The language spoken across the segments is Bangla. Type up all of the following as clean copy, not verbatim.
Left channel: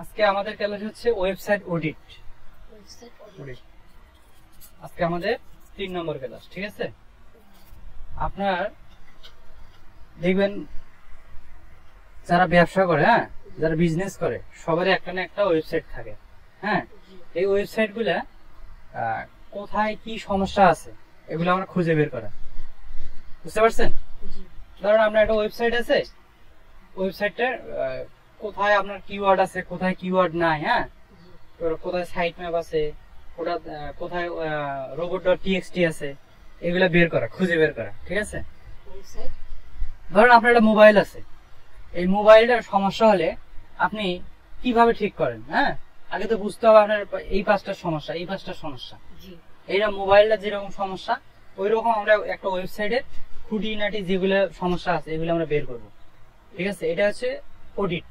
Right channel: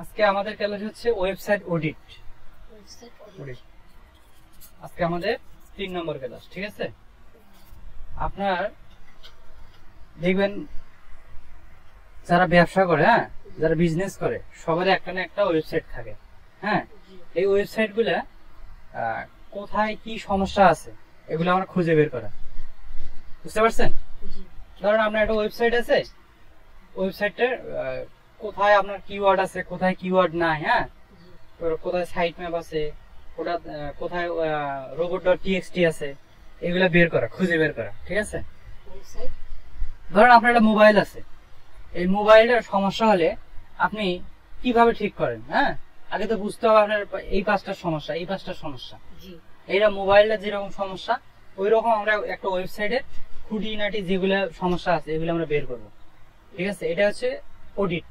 আজকে আমাদের ক্লাস হচ্ছে ওয়েবসাইট অডিট। আজকে আমাদের 3 নম্বর ক্লাস, ঠিক আছে? আপনার দেখবেন যারা ব্যবসা করে, যারা বিজনেস করে, সবারই একটা না একটা ওয়েবসাইট থাকে। এই ওয়েবসাইট গুলা কোথায় কি সমস্যা আছে এগুলো আমরা খুঁজে বের করা, বুঝতে পারছেন? ধরুন আপনার একটা ওয়েবসাইট আছে, ওয়েবসাইটটার কোথায় আপনার কিওয়ার্ড আছে, কোথায় কিওয়ার্ড নাই, কোথায় সাইট ম্যাপ আছে, কোথায় robot.txt আছে, এগুলা বের করা, খুঁজে বের করা, ঠিক আছে? ধরুন আপনার একটা মোবাইল আছে, এই মোবাইলের সমস্যা হলে আপনি কিভাবে ঠিক করেন? আগে তো বুঝতে হবে আপনার এই পাঁচটা সমস্যা, এই পাঁচটা সমস্যা। এইটা মোবাইলটা যেরকম সমস্যা ওই রকম আমরা একটা ওয়েবসাইটের খুঁটিনাটি যেগুলো সমস্যা আছে এগুলো আমরা বের করব, ঠিক আছে? এটা হচ্ছে অডিট,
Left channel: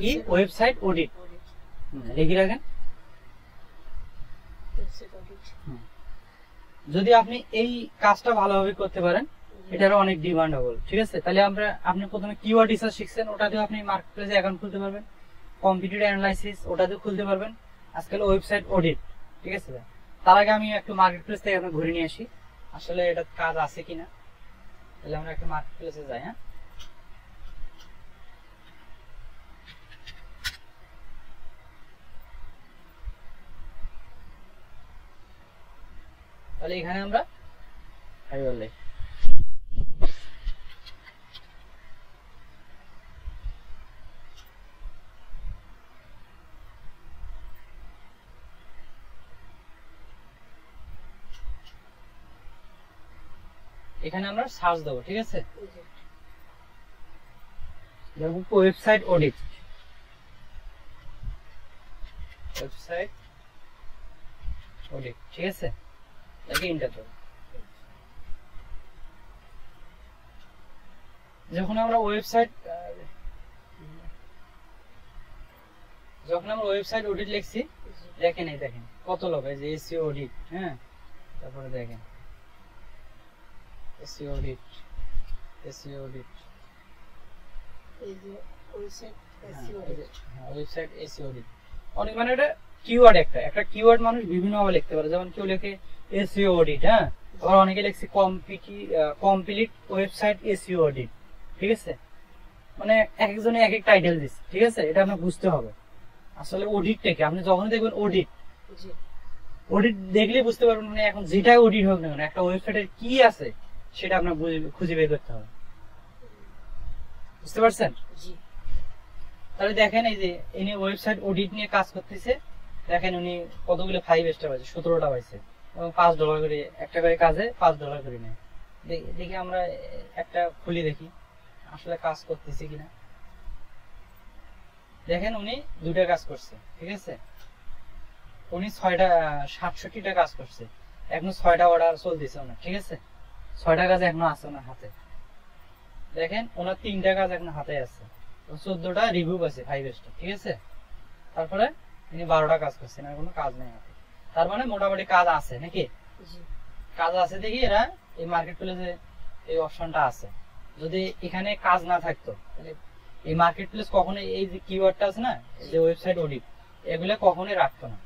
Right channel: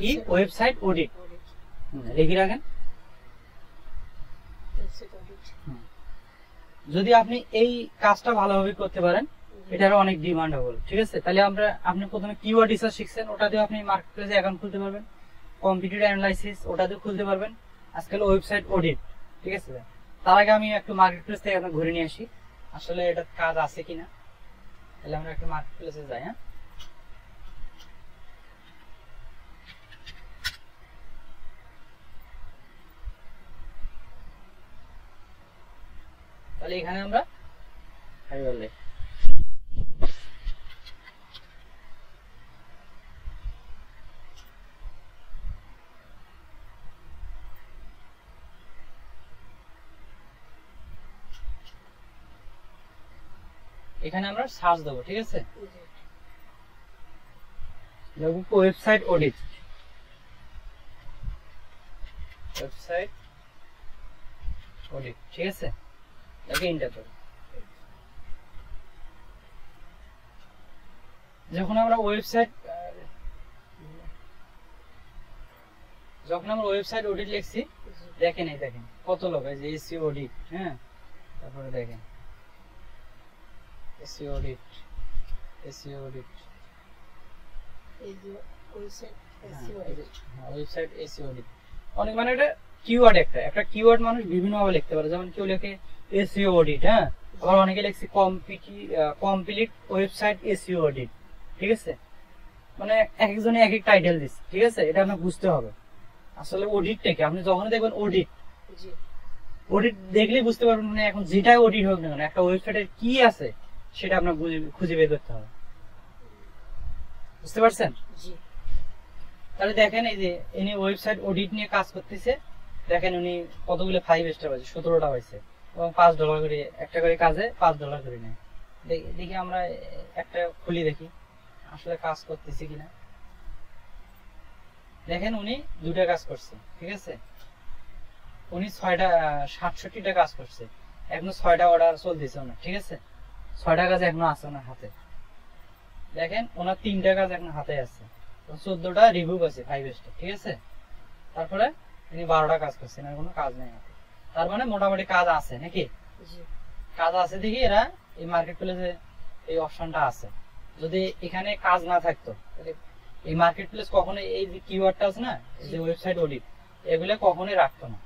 কি ওয়েবসাইট অডিট, লিখে রাখেন। যদি আপনি এই কাজটা ভালোভাবে করতে পারেন এটারও অনেক ডিমান্ডেবল, ঠিক আছে? তাহলে আপনি প্রথমে কিওয়ার্ড রিসার্চ শিখছেন, ওটা দিয়ে আপনি মার্কেটপ্লেসে অ্যাকাউন্ট খুলতে পারবেন। কম্পিটিটর অ্যানালাইসিস ওটা দিয়ে খুলতে পারবেন। আজকাল ওয়েবসাইট অডিট, ঠিক আছে? তার আগে আমি একটু মার্কেটপ্লেস থেকে আপনাকে ঘুরে নিয়ে আসি, আসলে এটা কাজ আছে কিনা। তাহলে আমরা একটু মার্কেটপ্লেসে যাই। তাহলে এখানে আমরা এখানে আমরা সার্চ দেবো, ঠিক আছে? ওয়েবসাইট অডিট, ওয়েবসাইট অডিট, ঠিক আছে? এটাকে এন্টার করব। যখন আমরা ওয়েবসাইট অডিট লিখছি, দেখেন এই দেখেন কত লোক, এই যে এসইও অডিট, তারপরে দেখেন এসইও অডিট, এসইও অডিট, এই যে ওয়েবসাইট এসইও অডিট। অনেক মানে এটা কিওয়ার্ড, একটা কিওয়ার্ড মানুষ বিভিন্ন ভাবে লিখতে পারে। যেমন কেউ লেখে এসইও অডিট, আবার অনেকে লিখছে কমপ্লিট ওয়েবসাইট এসইও অডিট, ঠিক আছে? মানে একজনে এক এক টাইটেল দিচ্ছে, ঠিক আছে? এটা আপনাকে বুঝতে হবে আসলে অডিটটা কি। আপনি যখন দেখবেন অডিট দেখলে বুঝতে পারবেন, মানে এখন যেটাই অডিট হোক না কেন একটা ওয়েবসাইটের কি আছে সেটা আপনার খুঁজে বের করতে হবে, বুঝতে পারছেন? তাহলে দেখেন এই যে ইনি ওয়েবসাইট অডিট নিয়ে কাজ করতেছে, দেখেন উনি কতগুলো 5 স্টার পাইছে, 17টা পাইছে, এবং $5 করে একটা করে কাজে $5 করে নেয়। দেখি আমরা একটা খুলি, দেখি আসলে কাজ করতেছি কিনা। দেখেন উনি 2টা কাজ করছে, ঠিক আছে? উনি 67টা কাজ করছে, এখন 6টা অর্ডার চলতেছে ওনার, ঠিক আছে? 6টা কাজ এখনো আছে ওনার হাতে। দেখেন ওনার 3টা কাজ এখন হাতে আছে, 14টা রিভিউ পাইছে 5 স্টার, ঠিক আছে? তারপরে তিনি 12টা কাজ করছেন, আর কোনো কাজ নেই হাতে। তার মানে মোটামুটি কাজ আছে নাকি? কাজ আছে দেখি এরা এই মার্কেট প্লেসে এই অপশনটা আছে। যদি এখানে কাজ না থাকতো তাহলে এই মার্কেট প্লেস কখনো এই যে কিওয়ার্ডটা আছে না, এই যে ওয়েবসাইট অডিট, এগুলো কখনোই রাখতো না।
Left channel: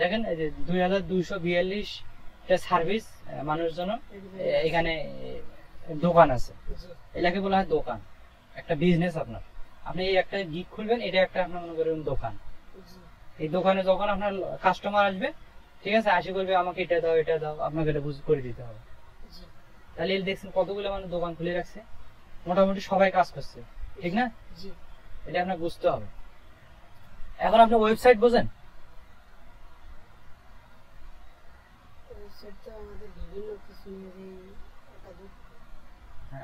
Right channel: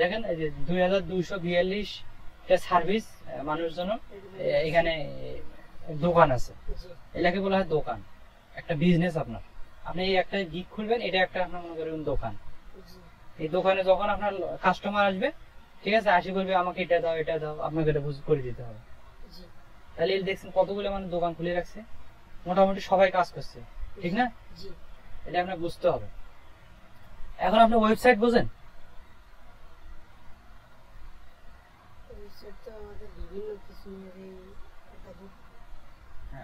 দেখেন এই যে 2242টা সার্ভিস মানুষের জন্য এখানে দোকান আছে, এটাকে বলা হয় দোকান, একটা বিজনেস। আপনি এই একটা গিগ খুলবেন, এটা একটা আপনার মনে করেন দোকান। এই দোকানে যখন আপনার কাস্টমার আসবে, ঠিক আছে, আসি করবে আমাকে এটা দাও এটা দাও, আপনাকে এটা বুঝ করে দিতে হবে। তাহলে এই দেখছেন কতগুলো মানে দোকান খুলে রাখছে, মোটামুটি সবাই কাজ করছে, ঠিক না? এটা আপনার বুঝতে হবে। এখন আপনি ওয়েবসাইট বোঝেন?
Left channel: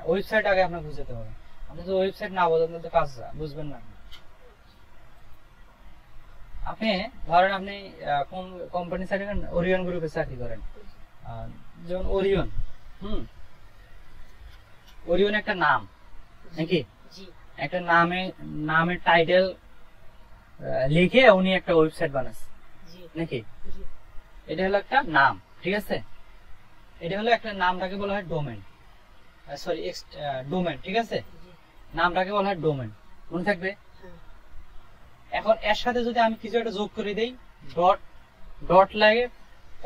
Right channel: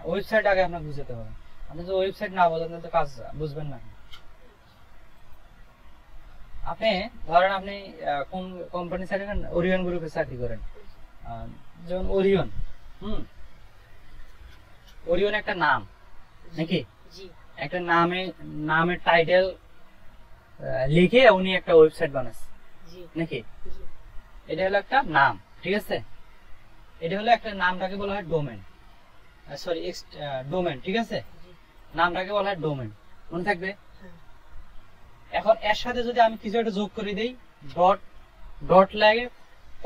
ওয়েবসাইট আগে আপনার বুঝতে হবে। আপনি যদি ওয়েবসাইট না বোঝেন তাহলে কাজ বুঝবেন না। আপনি ধরেন আপনি কোন কোম্পানির সাথে ওরিয়ন গ্রুপে চাকরি করেন, যেমন ওরিয়ন, ওরিয়ন একটা নাম নাকি? একটা নামের টাইটেল লিখে উনি একটা ওয়েবসাইট বানাচ্ছে নাকি? এটা হলো একটা নাম, ঠিক আছে? এটা হলো একটা নামটাকে বলা হয় ডোমেন, সরি ডোমেন, ঠিক আছে? নামটাকে বলা হয় ডোমেন, মনে থাকবে। এখন এর সাথে যদি আমি কিছু একটা যোগ করে দেই, ডট ডট লাগে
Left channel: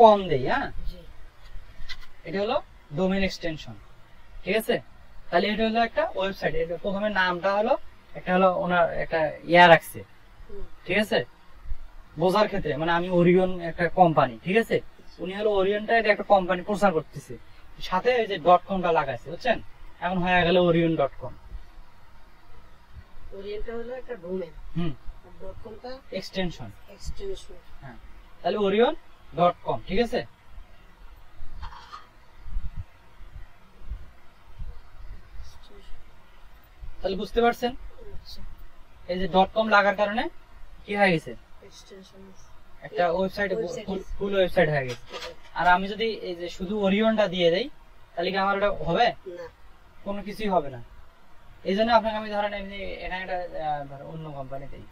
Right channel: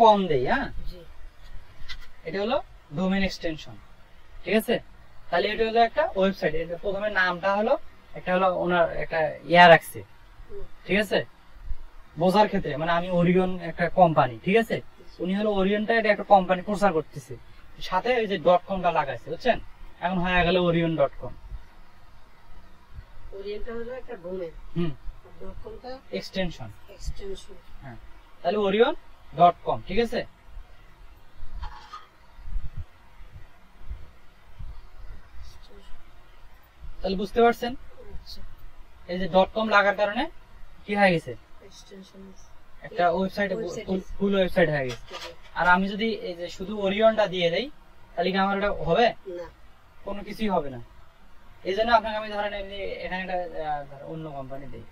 কম দেই, হ্যাঁ, এটা হলো ডোমেইন এক্সটেনশন, ঠিক আছে। তাহলে এটা হলো একটা ওয়েবসাইট। এটা প্রথমে নামটা হলো একটা হলো ওনার একটা ইয়া রাখছে, ঠিক আছে, বোঝার ক্ষেত্রে, মানে আমি ওরিয়ন একটা কোম্পানি, ঠিক আছে, উনি হলো ওরিয়নটা এটা একটা কোম্পানি প্রচার করতেছে, সাথে এই যে .com-টা লাগাইছে, বুঝছেন, এখন হয়ে গেল orion.com। ওরিয়েন্টটা হলো একটা ডোমেইন, .com-টা এক্সটেনশন। হ্যাঁ, তাহলে orion.com, ঠিক আছে। তাহলে বুঝতে পারছেন এই যে .com লাগার কারণে কি হয়ে গেছে, একটা ওয়েবসাইট, ফুল ওয়েবসাইট হয়ে গেছে। আর আমি যদি এই যে শুধু ওরিয়নটা দিয়ে দেই তাহলে কি আমার ওটা হবে না, কোনো কিছুই হবে না। এই জন্য আপনাকে আমি ধরেন এখানে একটা অন্য কোম্পানি দেই,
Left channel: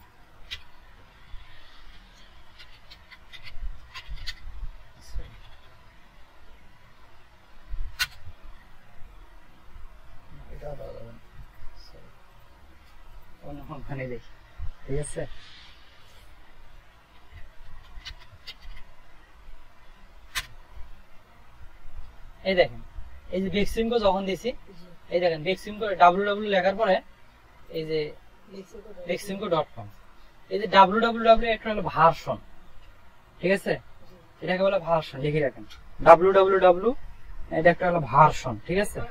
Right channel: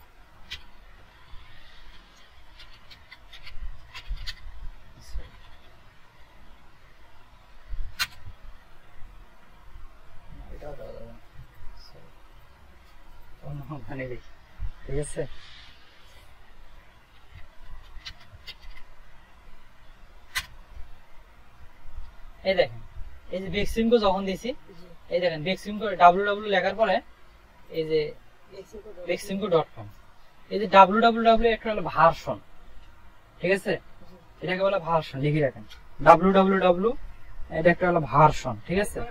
অন্য কোম্পানি দেই, ঠিক আছে। এই দেখেন এই যে বেক্সিমকো যখন দিছি, এই দেখেন বেক্সিমকো www লেখার পরে এই যে বেক্সিমকো.com, এই যে www একটা হলো ভার্সন, ঠিক আছে, এটাকে বলে ভার্সন, লিখে রাখেন www, এটা একটা হলো ভার্সন, ঠিক আছে।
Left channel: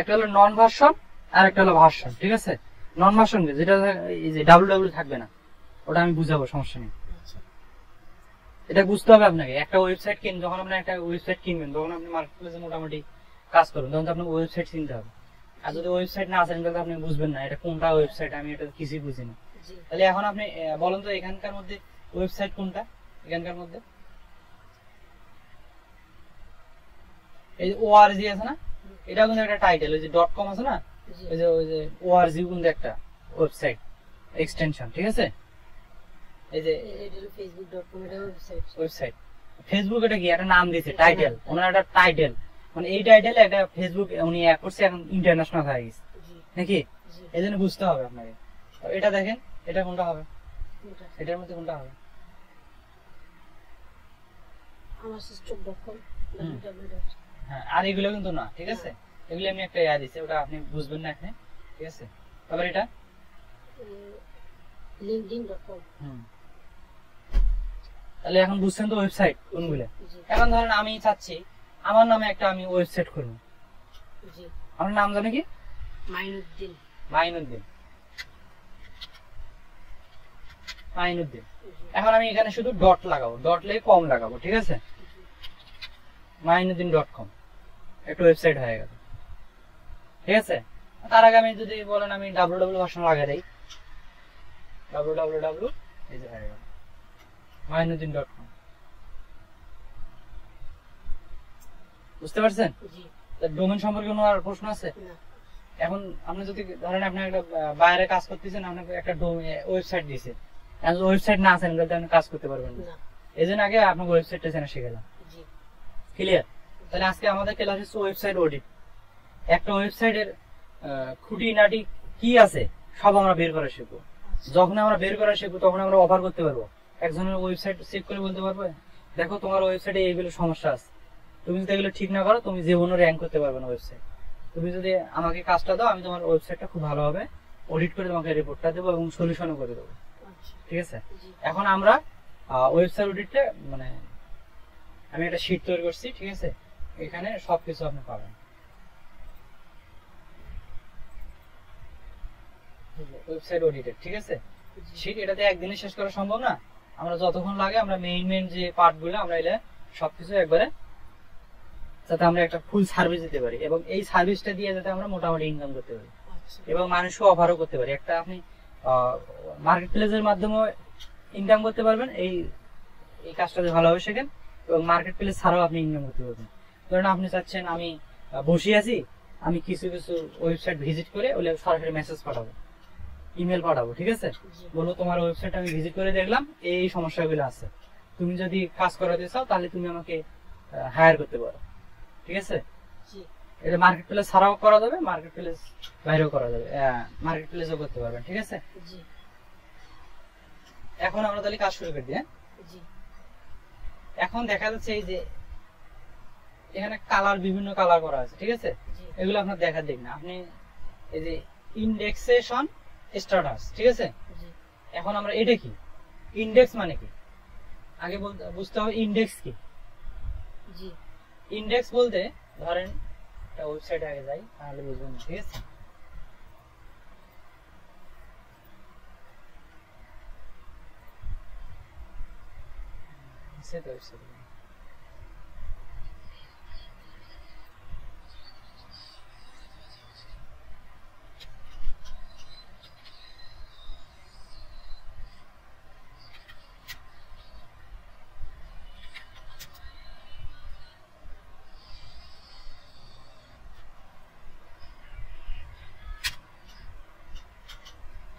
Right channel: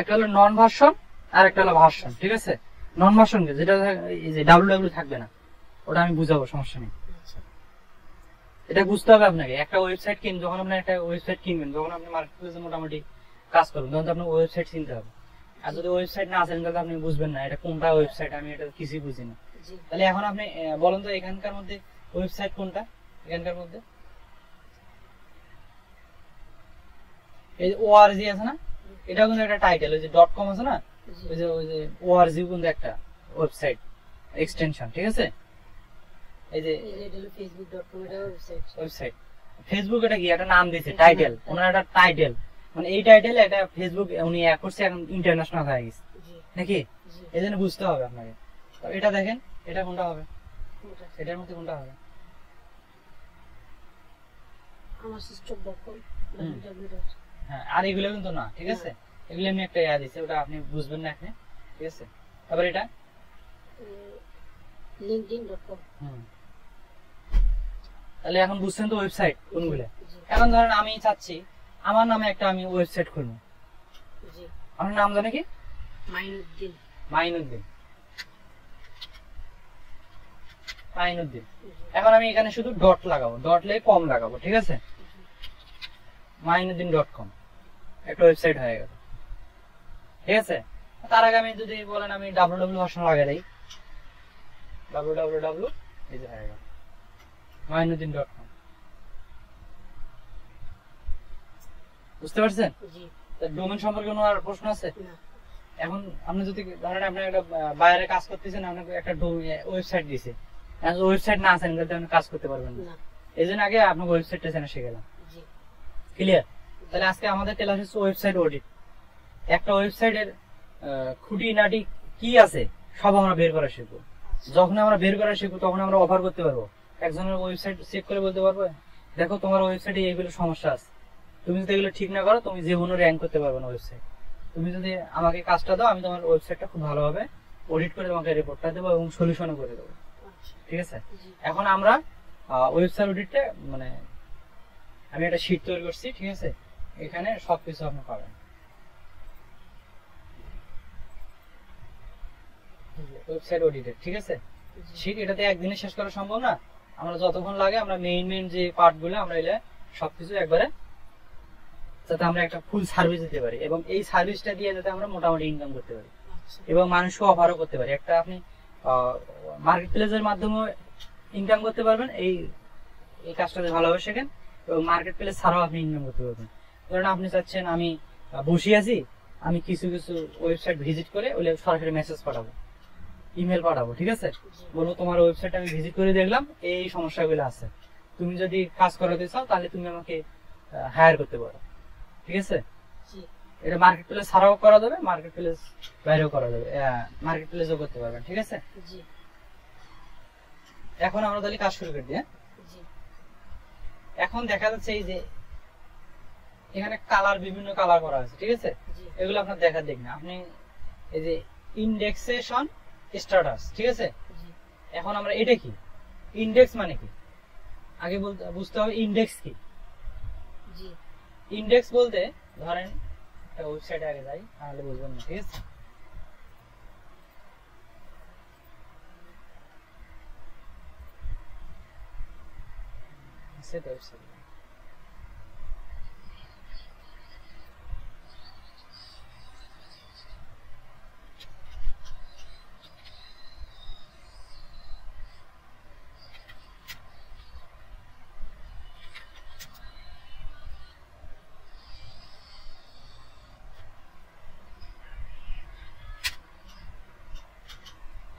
একটা হলো নন ভার্সন আর একটা হলো ভার্সন, ঠিক আছে। নন ভার্সন যেটা এই যে www থাকবে না, ওটা আমি বুঝাবো, সমস্যা নেই। এটা বুঝতে হবে আপনাকে। একটা ওয়েবসাইট যখন আপনি একটা ওয়েবসাইট কিনবেন, তখন আপনি মার্কেটপ্লেসে মোটামুটি কাজ করবেন, তখন তো আপনার ওয়েবসাইট চিনতে হবে। আর যদি ওয়েবসাইট না জানেন তাহলে আপনি বুঝবেন না এটা কোনটা ওয়েবসাইট, আমি এটা কিছুই বুঝি না। তাহলে এখন আপনি বলেন তো এখানকার মধ্যে ওয়েবসাইট কোনটা, এখানকার মধ্যে এই ORG আছে না, এটা কিন্তু একটা টাইটেল, ওই যে .com আছে না, ওই যে ORG কিন্তু একটা ওয়েবসাইট এক্সটেনশন, ঠিক আছে। এই যে facebook.com এর ওয়েবসাইট, ফেসবুক এটা কি একটা নাম দিয়েছে, টাইটেল, ওনার একটা টাইটেল, মানে এই টাইটেল এটা ফেসবুক উনি এক করছে, এখন ইন্টারন্যাশনাল হয়ে গেছে নাকি, এই জন্য বুঝতে হবে আপনাকে। তো এটা দেখেন, এটা কোনটা হবে, এটার মধ্যে কোনটা হবে, আমার সিস্টেম.com, হ্যাঁ। আর এগুলো কিন্তু না, ঠিক আছে, এগুলো আমি একটা ইয়া দিছি, ওটা আপনি বুঝবেন না এখানে, ঠিক আছে। তারপর এটা linkedin.com। তাহলে এখন বুঝছেন তো ওয়েবসাইট কোনগুলো। এখন ধরেন আমি চাচ্ছি আমার নামে একটা আমি ওয়েবসাইট খুলবো, আমার নাম জানে কি, মাইনুদ্দিন। এখন আমি এখানে শুধু ডট লাগাবো, ডট লেগে কম লাগাবো, ঠিক আছে, mainuddin.com একটা ওয়েবসাইট হয়ে গেল, ঠিক আছে। তার আগে আমি যদি বলেন আমি www ভার্সন লাগাই দেই, www এই যে হয়ে গেল mainuddin.com, বুঝতে পারছেন। ডোমেন সম্পর্কে কোনো আর প্রশ্ন আছে? এখন আপনি যদি ধরেন আপনি একটা বাইরে কাজ করতেছেন, আপনাকে একটা ওয়েবসাইট দিয়েছে, ওয়েবসাইট না আছেন তাহলে আপনি কাজ করতে পারবেন না, এই জন্য আগে আপনাকে ওয়েবসাইটটা জেনে শিখলাম, ক্লিয়ার। তাহলে আজকে আমাদের ক্লাস হচ্ছে ওয়েবসাইট অডিট। একটা ওয়েবসাইটের খুঁটিনাটি কি আছে সব আমরা বের করা শিখবো। যখন আমরা বের করা শিখবো তখন আমরা অফার করতে পারবো, একজনের ওয়েবসাইট চেক করে বলতে পারবো দেখো তোমার ওয়েবসাইটে এইগুলো সমস্যা আছে, তুমি যদি এগুলো ঠিক না করো তুমি জীবনে র্যাঙ্ক করতে পারবে না ওয়েবসাইট। তুমি যদি আমাকে কাজটা দাও, আমি তোমার ওয়েবসাইটটা খুব ভালোভাবে অডিট করে তোমাকে রিপোর্টটা দেবো এবং সলিউশনও করে দেবো, ঠিক আছে। এখন আমরা ওয়েবসাইট অডিটটা মানে আমি একটা শীট তৈরি করছি, ঠিক আছে, এখানে সবকিছু আপনি পাবেন। ওয়েবসাইট অডিটের, ঠিক আছে, শীট এটাতে একদিনে শেষ করা সম্ভব না, আমরা যতক্ষণ লাগে আমরা মেইন যে পার্ট গুলো আমরা এলে সবকিছু একবারে যাতে আমরা একটা ফুল সার্ভিস দিতে পারি এবং এই সার্ভিসটা দিয়ে যাতে আমরা মোটামুটি ইনকাম করতে পারি এবং মানুষকে অফারও করতে পারি। একটা আপনি মার্কেট প্লেসের মাধ্যমে ইনকাম করতে পারবেন, এই কাজটা ভালোভাবে শেখেন এবং মার্কেট প্লেস ছাড়াও আপনি ইনকাম করতে পারবেন। ধরেন আপনি চাচ্ছেন আমি বসে আছি, আমি কিছু ওয়েবসাইট ভিজিট করে ওগুলো সরাসরি মেসেজ পাঠাবো, ইমেল পাঠাবো, ঠিক আছে, বলবো তোমার ওয়েবসাইট আমি ভিজিট করে দেখলাম এই সমস্যাগুলো আছে, তুমি যদি কাজ করাতে চাও তাহলে তুমি আমাকে হায়ার করতে পারো, ঠিক আছে? জি এটা মার্কেট প্লেস ছাড়াও করা যাবে, মার্কেট প্লেস বাইরেও করা যাবে, মার্কেট প্লেসও করতে পারবেন, ঠিক আছে? জি এখন আমরা তাহলে কাজ শুরু করে দিই। জি এখন দেখা যাচ্ছে এই যে এখানে কালার, বিভিন্ন কালার করা আছে, ঠিক আছে? জি এগুলো আপনার দেখা দেখ না, আপনি এই যে ইন্ডেক্সেশন স্ট্যাটাস, ঠিক আছে? জি এখন আমরা এটা কি, ইন্ডেক্স মানে কি আগে বুঝতে হবে। ইন্ডেক্স কি? জি ইন্ডেক্স বলতে ধরেন একটা ওয়েবসাইটে আগে যাই, তাহলে বুঝবেন না, ঠিক আছে? সেটা ওয়েবসাইট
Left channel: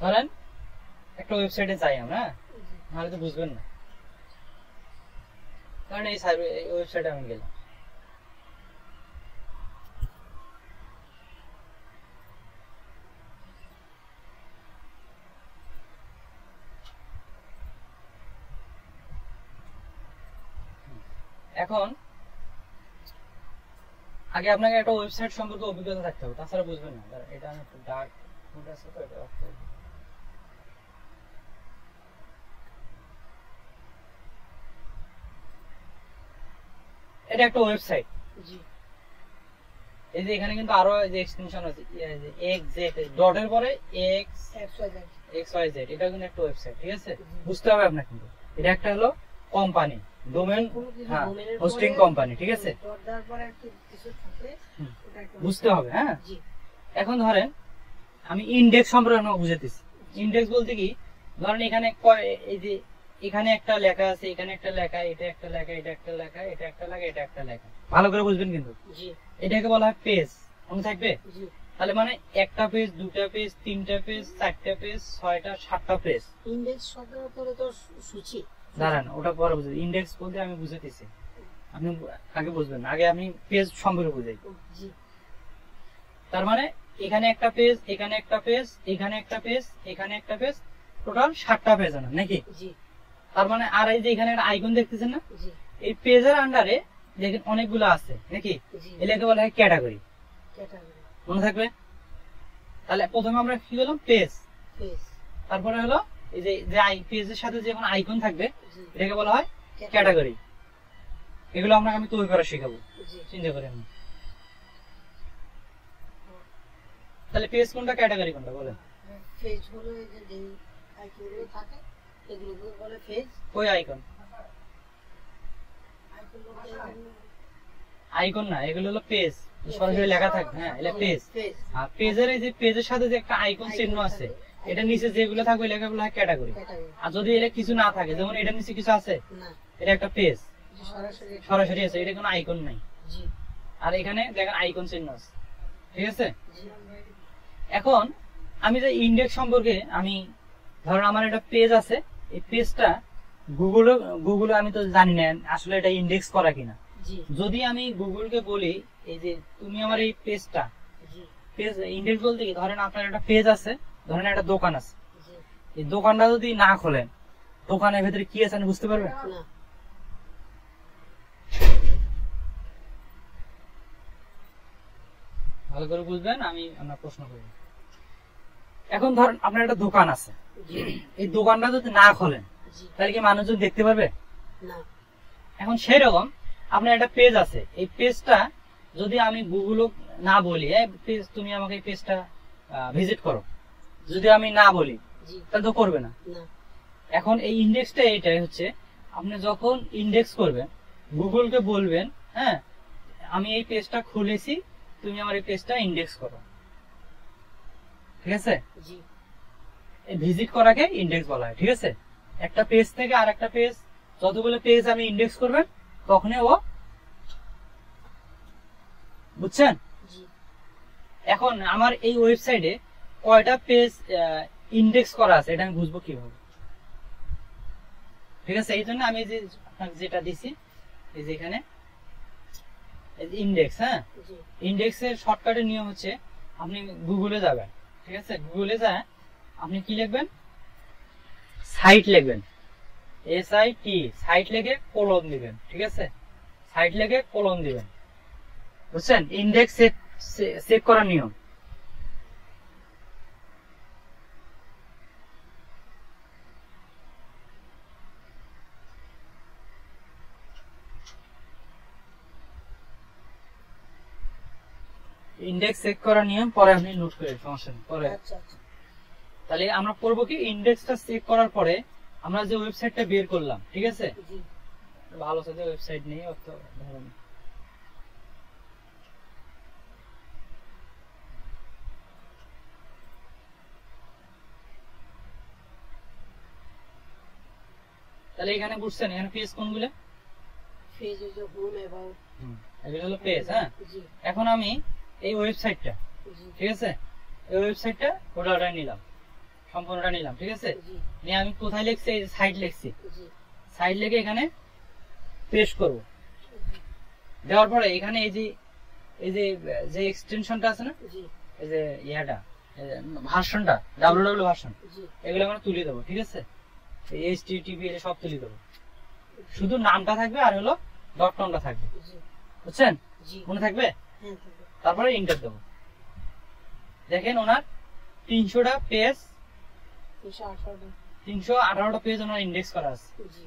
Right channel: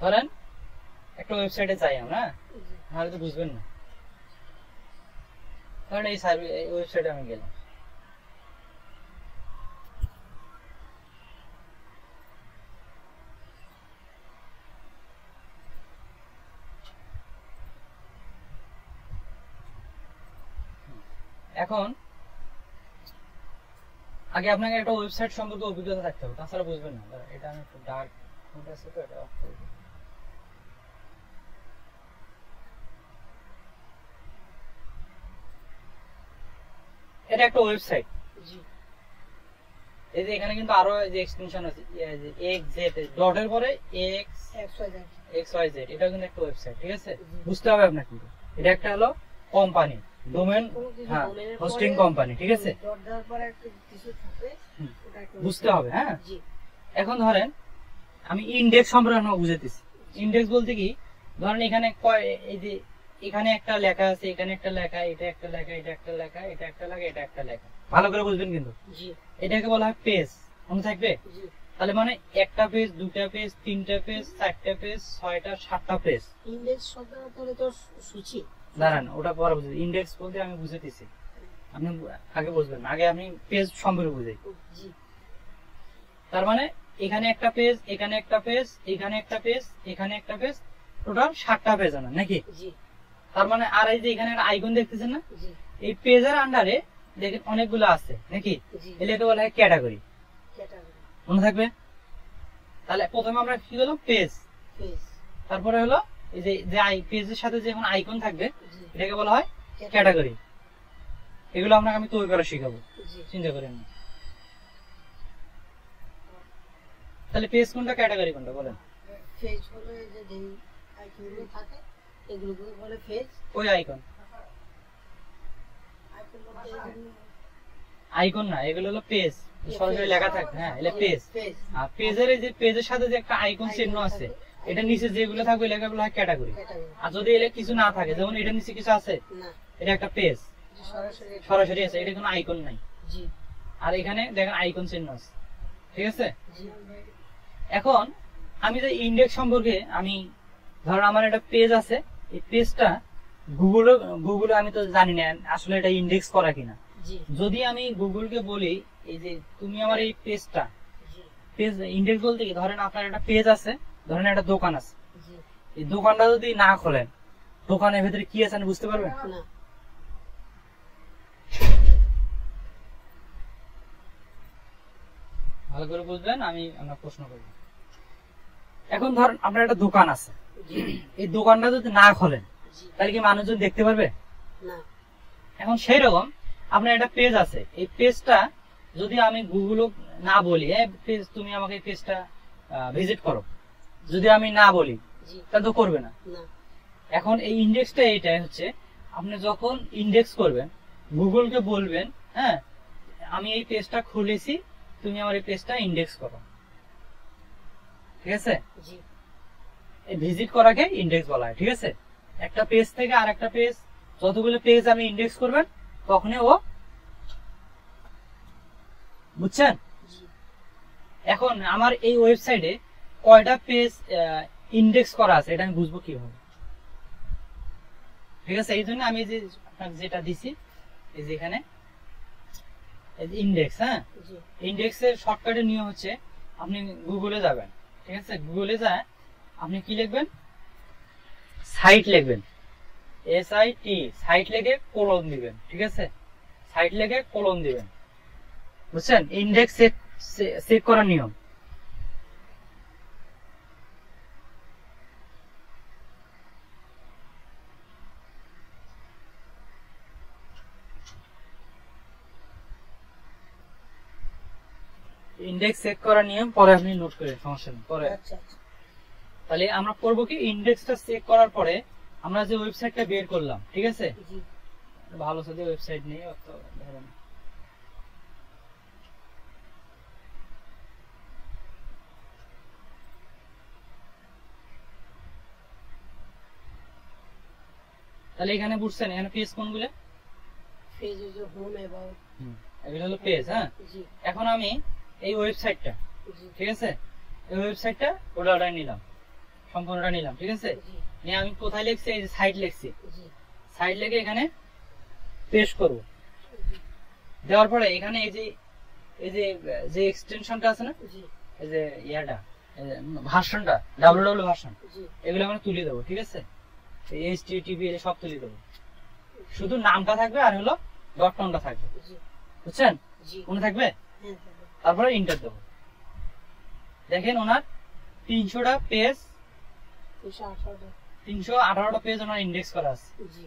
ধরেন একটা ওয়েবসাইটে যাই আমরা, নাহলে তো বুঝবেন না। কারণ এই ওয়েবসাইটে আমি গেলাম, এখন আগে আপনাকে একটা ওয়েবসাইট সম্পর্কে অভিজ্ঞতা থাকতে হবে, তাছাড়া বুঝবেন না। এটা আমি একটু ডার্ক মোড আছে তো, এটা অফ করব। এটা একটা ওয়েবসাইট। জি এই যে এখানে কিন্তু আরো এই যে এক্সটেনশন আছে, এক্স জেড, ডটের পরে এক্স এক্স ওয়াই জেড, এটা কিন্তু একটা ওয়েবসাইট, ঠিক আছে? বুঝতে হবে আপনাকে। কিন্তু এটা একটা হলো কোম্পানি, ডোমেন, হ্যাঁ, হোস্টিং কোম্পানি, ঠিক আছে? বুঝতে হবে, হ্যাঁ। জি এখন ধরেন আমি ইন্ডেক্স সম্পর্কে বুঝাতেছি। ইন্ডেক্স বলতে কি, ধরেন এখানে এই যে এখানে একটা লেখা আছে, এখানে একটা লেখা, এটা একটা লেখা, এটা একটা লেখা, এটা একটা লেখা, এটা একটা লেখা, ভালো করে বুঝবেন কিন্তু। জি এটাকে বলা হয় পেজ, মনে থাকবে? জি তাহলে মানে একটা পেজ, দুটা পেজ, তিনটা পেজ, চারটা পেজ, ছয়টা, সাতটা পেজ। ইন্ডেক্স শব্দটা তাহলে তো সূচি। দাঁড়ান, ওটা পরে বুঝবেন। ইন্ডেক্স বলতে আমি বুঝাতেছি, আপনি আগে বুঝবেন, আগে আমি পেজ সম্পর্কে বুঝাই। জি তার মানে এখানে একটা পেজ, এখানে একটা পেজ, এখানে একটা পেজ, এখানে একটা পেজ, টোটাল 7টা পেজ আনা নাকি? জি তার মানে আর এই যে এখানে একটা আইকন দেখতেছেন না, জি এই পেজের আন্ডারে দেখেন অনেকগুলো আছে নাকি? জি এটাকে বলা হয় ক্যাটাগরি, ক্যাটাগরি মনে থাকবে? তাহলে প্রথমে আমরা কি হলো, পেজ, পেজ তারপরে হলো এই যে পেজের সাথে যখন আইকন থাকবে জি এটাকে বলা হয় ক্যাটাগরি। এগুলো আপনাকে আমি তৈরি করা শিখাবো, জি চিন্তা করেন। তাহলে পেজ কোনটা, ক্যাটাগরি কোনটা বলেন? পেজ হলো এই যে আইকনগুলো থাকে, এগুলো বলে পেজ। ওই আইকন, আইকন বলতে আইকন না, এগুলো হলো পেজ, সরাসরি লেখা থাকবে, হ্যাঁ, এটা পেজ। পেজ আর পেজের এই যে পেজের সাথে যে একটা আইকন চিহ্ন আছে, এটা নিচে যেগুলো থাকবে ওই লেখাগুলো হয় ক্যাটাগরি। ক্যাটাগরি আর যদি এটা কিছু না থাকে, যেমন এটা নিচে কিছু আছে, না এটা একটা পেজ, সরাসরি সরাসরি আছে, এটা কোনো আইকন নাই। জি আর এখানে দেখেন আইকন চিহ্ন আছে, ঠিক আছে? জি এখন আমি যে ইন্ডেক্স সম্পর্কে, আমি ধরুন আমার একটা পেজ আছে, এই পেজটা গুগলে আমি তো জানি না আসলে এটা ইন্ডেক্স করা কিনা। জি যদি আমি গুগলকে বলি এই যে তুমি আমার এই পেজটা, জি পেজ ইন্ডেক্স বলতে কি, ধরেন আপনার একটা পেজ আছে, ধরেন একটা দোকান আছে, জি এই দোকানটা যদি না খোলেন, দোকানের ভেতরে কি আছে বুঝতে পারবেন? না ভালো করে বুঝবেন, আমরা প্রশ্ন করব। এখন ধরেন আপনার একটা দোকান আছে, এই দোকানটা যদি না খোলেন জি তাহলে কি মানুষজন দেখতে পারবে? না এখন সেই রকম আপনার একটা পেজ আছে, এই পেজটা যদি আমি গুগল না বলি, পেজ তুমি আমাকে এই পেজটা ভিজিট করো, যদি আমি না বলি জি তা তো করবে না। না এখন এই ইন্ডেক্সটা এইটাই হচ্ছে, আপনি যখন ইন্ডেক্স করবেন, গুগলকে বলবেন, হ্যাঁ আমি এই পেজটা খুলেছি, তুমি আমার এই পেজটা ইন্ডেক্স করো, ঠিক আছে? জি ভিজিট করাকে ইন্ডেক্স বলা হয়, ঠিক আছে? একটা পেজ থেকে আরেকটা পেজ, যতগুলো পেজ আমি ইন্ডেক্স করবেন তখনই ও, বুঝছেন? জি এখন আমার এই ওয়েবসাইটে কয়টা পেজ ইন্ডেক্স করা আছে এটা আমি বুঝবো কিভাবে? ঠিক আছে, এই জন্য আমি যে আপনাকে যেটা দিছি এই যে এখানে ইন্ডেক্স, হ্যাঁ জি ইন্ডেক্সের শর্টকাটের নিয়ম হচ্ছে আপনি গুগলে যাবেন, ঠিক আছে, গুগলে যায় আপনি কি লিখবেন, সাইট লিখবেন, SIT, সাইট লিখে কোলন দিবেন, ঠিক আছে, সাইট লিখে কোলন দিবেন, বুঝছেন, ইন্ডেক্স সেট করার নিয়ম। ইন্ডেক্স চেক করার নিয়ম পরে আপনি নোট করেন, সমস্যা নেই পরে। আচ্ছা আচ্ছা তাহলে আমরা করবো কি, ইন্ডেক্সটা চেক করার পরে আমরা যে ওয়েবসাইটটা বের করলাম, ঠিক আছে, জি ভালো সাথে ওয়েবসাইট নেই অত ধরেন, তাহলে এখানে বুঝছেন এখানে পেজ কোনগুলো, পেজ যে হোম অ্যাবাউট এগুলো হলো পেজ, হ্যাঁ। জি এখন আমি এই ওয়েবসাইটটা, জি ঠিক আছে, এই ওয়েবসাইটটা ওটা নিলাম, সম্পূর্ণটা নিলাম, ঠিক আছে, জি নিয়ে আমি কোথায় লিখছি, এই যে সাইট লিখছি, জি সাইট লিখে এখানে পেস্ট করব, দেওয়ার পরে এখানে এই যে যে এক্সটেনশনটা আছে না, জি এই যে ইয়াটা ভার্সনটা www ভার্সন, জি এগুলো আমরা তুলে দেবো, ঠিক আছে, এই HTTPL সব তুলে দেবো, শুধু নামটা থাকবে আর হলো .comটা থাকবে, জি বুঝছেন, জি মনে থাকবে, হ্যাঁ থাকবে। তারপরে ইন্টার দেবো, দেখেন ওনার 300টা পেজ, 318টা পেজ ওনার ইন্ডেক্স করা আছে, জি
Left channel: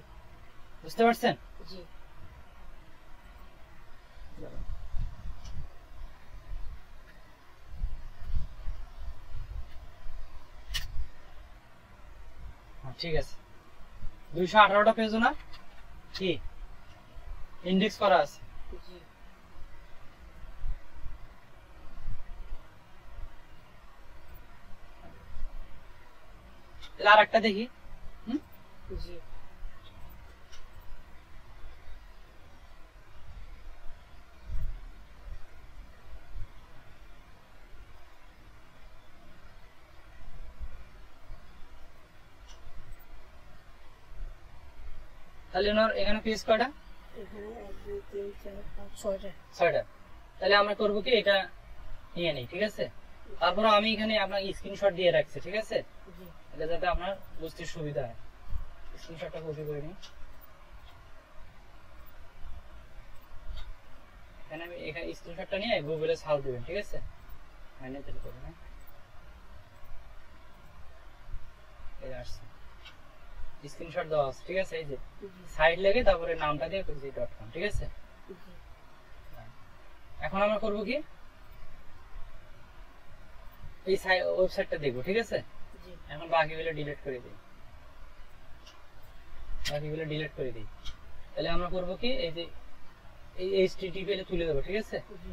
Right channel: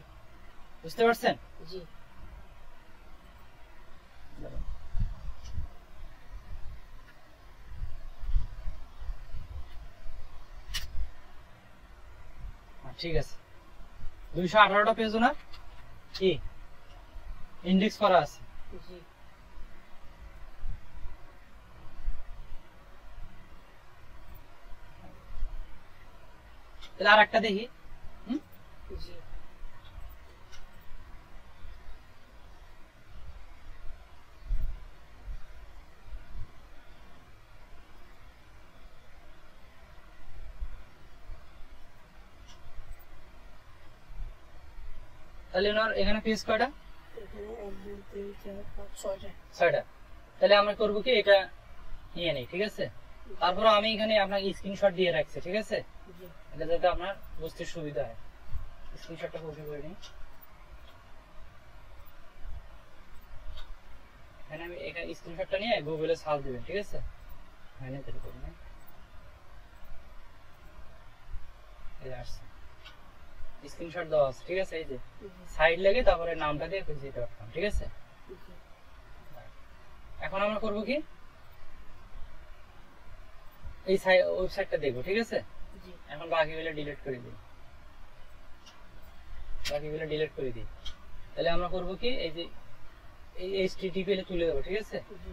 বুঝতে পারছেন। জি ঠিক আছে, 218টা পেজ ওনার কি ইন্ডেক্স করা আছে। জি তাহলে আর একটা দেখি, জি তাহলে ওনার এখানে পেজ কয়টা, এখানে 1 2 3 4 5 6টা 6টা, তাহলে আমরা করবো কি এটা নিয়ে নিই, ঠিক আছে, তারপরে আমি এখানে আপনাকে স্ক্রিনশট দিয়ে রাখছি, ঠিক আছে, জি এটা যাতে আপনার বুঝতে সুবিধা হয়, স্ক্রিনশটটা কপি করে নিই, এখানে আমি এখানে স্ক্রিনশটটা নিয়ে গুগলে সার্চ দিবেন, ঠিক আছে, হয় না তাহলে করুন, এই আসছে স্ক্রিনশট দেওয়া আছে, ঠিক আছে, এই যে সাইড লেগে তারপরে নামটা দিয়ে pc.com, ঠিক আছে। জি এখন আমরা করব কি, এই ওয়েবসাইটটা দেখবো, ঠিক আছে, জি এখন বাকিগুলো ডিলিট করে দিই, বাকিগুলো ডিলিট করে দিই, তাহলে আমরা করব কি, এই যে এই HTTPL তুলে দেবো, ঠিক আছে, জি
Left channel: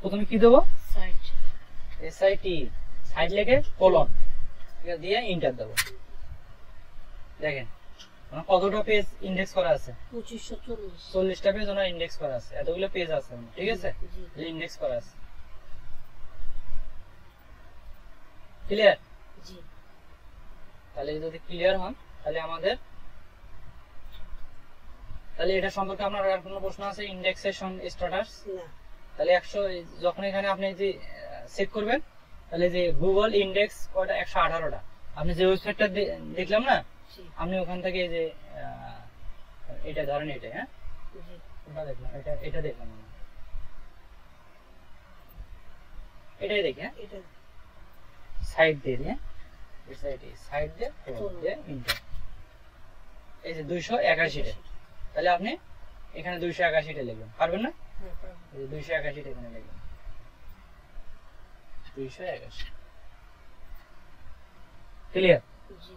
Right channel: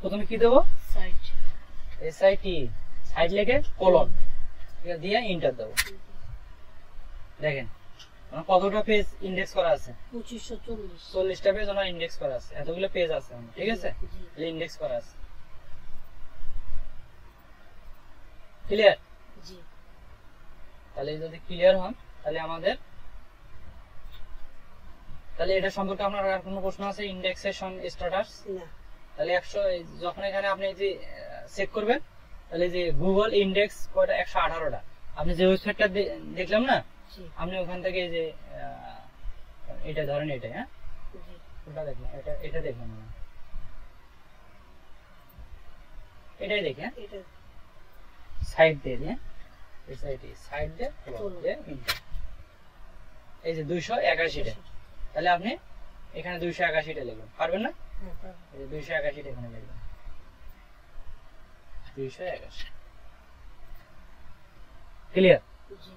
প্রথমে কি দেবো, সাইট SIT, সাইড লেগে কোলন, ঠিক আছে, দিয়ে এন্টার দেবো, দেখেন আমার কতটা পেজ ইন্ডেক্স করা আছে, 2540 40টা পেজ ওনার ইন্ডেক্স করা আছে, এতগুলো পেজ আছে ওনার, ঠিক আছে, জি ইন্ডেক্স করা আছে, ক্লিয়ার। জি তাহলে যদি ক্লিয়ার হন তাহলে আমাদের, তাহলে এটা সম্পর্কে আপনার আর কোনো প্রশ্ন আছে, ইন্ডেক্সেশন স্ট্যাটাস, না তাহলে 100 যখন এখানে আপনি যে চেক করবেন, তাহলে যে গুগল ইন্ডেক্স কয়টা, 118টা, আপনি যে ওয়েবসাইটটা দেখলাম না, জি আপনি ওখান থেকে যে এটা ধরেন, এটা, হ্যাঁ জি ওটা দেখলাম, এটা দেখলাম না, এটাই দেখি, হ্যাঁ এটা সাইড দিয়ে দিই, সাইড দিয়ে ইন্টার, এই যে 281টা, তাহলে আপনি এখানে 281টা লিখবেন, পারবেন না, হ্যাঁ পারবো। এই যে 281টা এখানে লিখবেন, 281, ক্লিয়ার। জি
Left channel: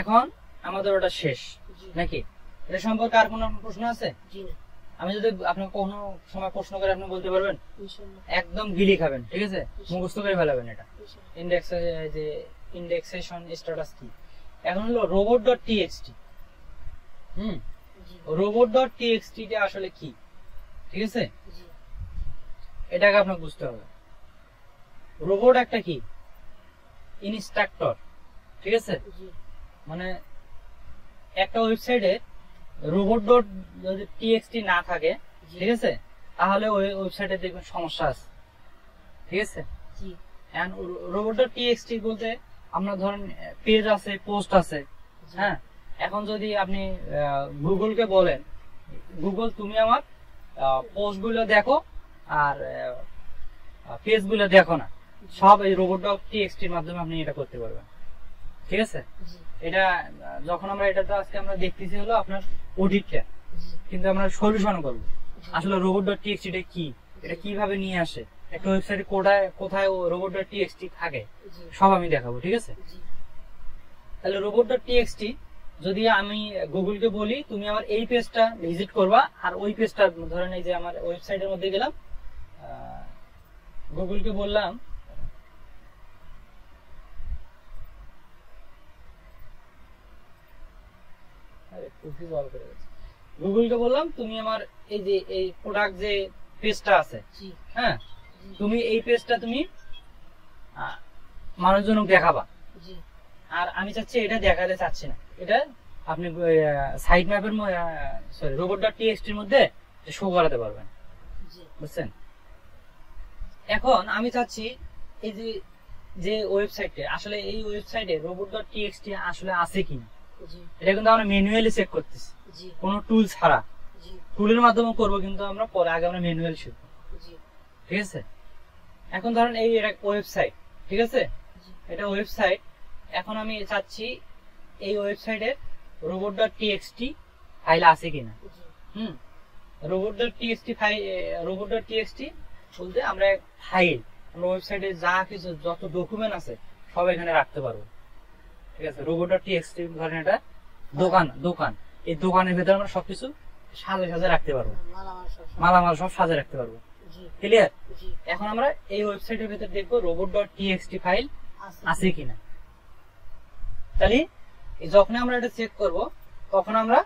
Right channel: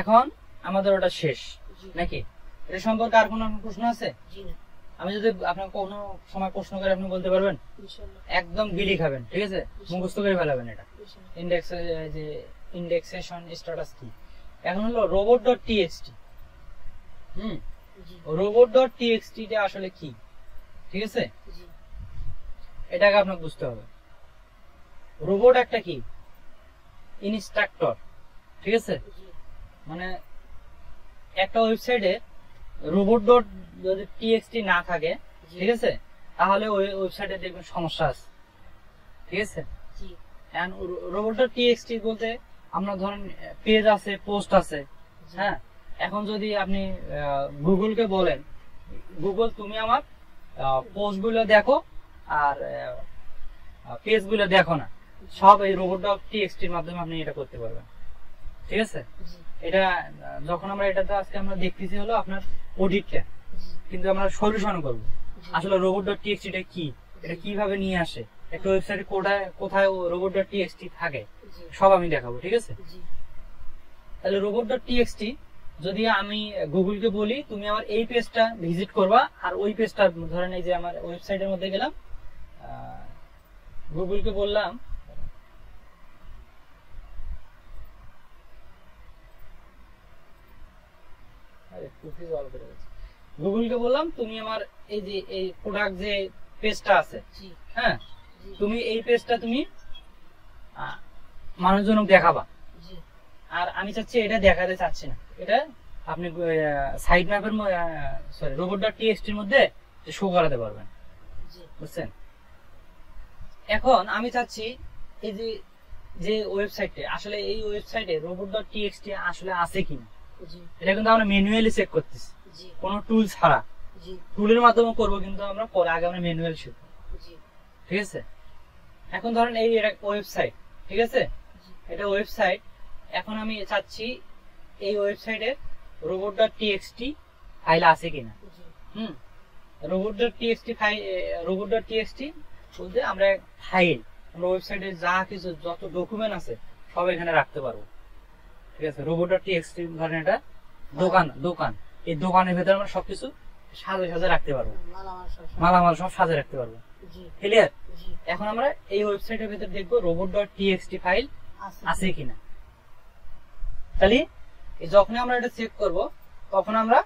এখন আমাদের ওটা শেষ জি নাকি, এটা সম্পর্কে আর কোনো প্রশ্ন আছে, জি না আমি যদি আপনাকে কোনো সময় প্রশ্ন করে আপনি বলতে পারবেন, ইনশাআল্লাহ একদম গিলি খাবেন, ঠিক আছে, মুখস্থ করে ফেলাবেন এটা, ইনশাআল্লাহ ইন্ডেক্স যে ইন্ডেক্সেশন স্ট্যাটাস কি, এখন হলো robot.txt, জি robot.txt টা আসলে কি, ঠিক আছে, জি এটাকে আপনাকে বুঝতে হবে, রোবট একটা কি ইনস্ট্রাক্টর, ঠিক আছে? জি মানে একটা ওয়েবসাইটে robot.txt না থাকে, ঠিক আছে, তাহলে ওই ওয়েবসাইটে দেখবেন সমস্যা আছে, ঠিক আছে? জি এন্ড robot.txt বলতে আমরা ধরেন পেজ আছে, পোস্ট আছে, হ্যাঁ। এখন যদি আপনি গুগলকে বলেন, গুগল তুমি আমার পোস্ট গুলো দেখো আর পেজ গুলো দেখো না, সব এই robot.txt এর মাধ্যমে আপনি এটা করতে পারবেন, ঠিক আছে? জি এটা যখন আমরা এটা তো আজকে আমরা দেখতেছি হলো আপনার অডিটটা, জি কিন্তু আমরা সলিউশন করব আসলে robot.txt টা কি, এটা কিভাবে নিয়ে আসে, একটা ওয়েবসাইটে কোথায় robot.txt থাকে, জি সব আমি দেখাবো, ঠিক আছে? জি তাহলে robot.txt যদি আমি গুগলকে বলি তুমি আমার এই পেজটা ভিজিট করবা, আর ওই পেজটা ধরেন এই যে আমার ওয়েবসাইটের মধ্যে গেলাম, গুগলকে বললাম গুগলকে বললাম তুমি আমার এই যে এই প্রোডাক্ট যে পেজটা আছে, জি হ্যাঁ, তুমি এই পেজটা তুমি মানুষজনক দেখাবা, জি আর আমি চাচ্ছি এটা দেখাতে চাচ্ছি না, এটা আপনি সাইট ম্যাপের সরি robot.txt এর মধ্যে শো করাতে পারবেন, জি বুঝছেন? এখন আমি চাচ্ছি এই যে যে ওয়েবসাইটে আসলে এই ওয়েবসাইটে robot.txt আসলে আছে কিনা, জি এটা কিন্তু আমরা ম্যানুয়ালি চেক করতেছি, জি কোনো টুল ছাড়া। জি টুলের মাধ্যমে করবো, কিন্তু আমরা পরে আগে আমরা ম্যানুয়াল শিখবো, জি ঠিক আছে? এখন ধরেন এই ওয়েবসাইট, ঠিক আছে, এটা ওয়েবসাইট। এখন আমি চাচ্ছি এই ওয়েবসাইটে robot.txt ফাইল আছে কিনা। জি হুম, robot.txt বলতে আমরা ফাইল, আমরা ওয়েবসাইটে যা কিছু যত ডকুমেন্ট আছে সব এখানে রাখতে পারবো, ঠিক আছে? robot.txt ধরেন এটা দোকান, এই দোকানের ভেতরে আমরা সবকিছু সাজে রাখতে পারবো, মালামাল সব সাজে রাখতে পারবো, জি ক্লিয়ার? জি এখন আমরা এই ওয়েবসাইটের ভেতর দেখবো robot.txt ফাইল আছে কিনা। তাহলে যখন আমরা এটা চেক করব তখন আমরা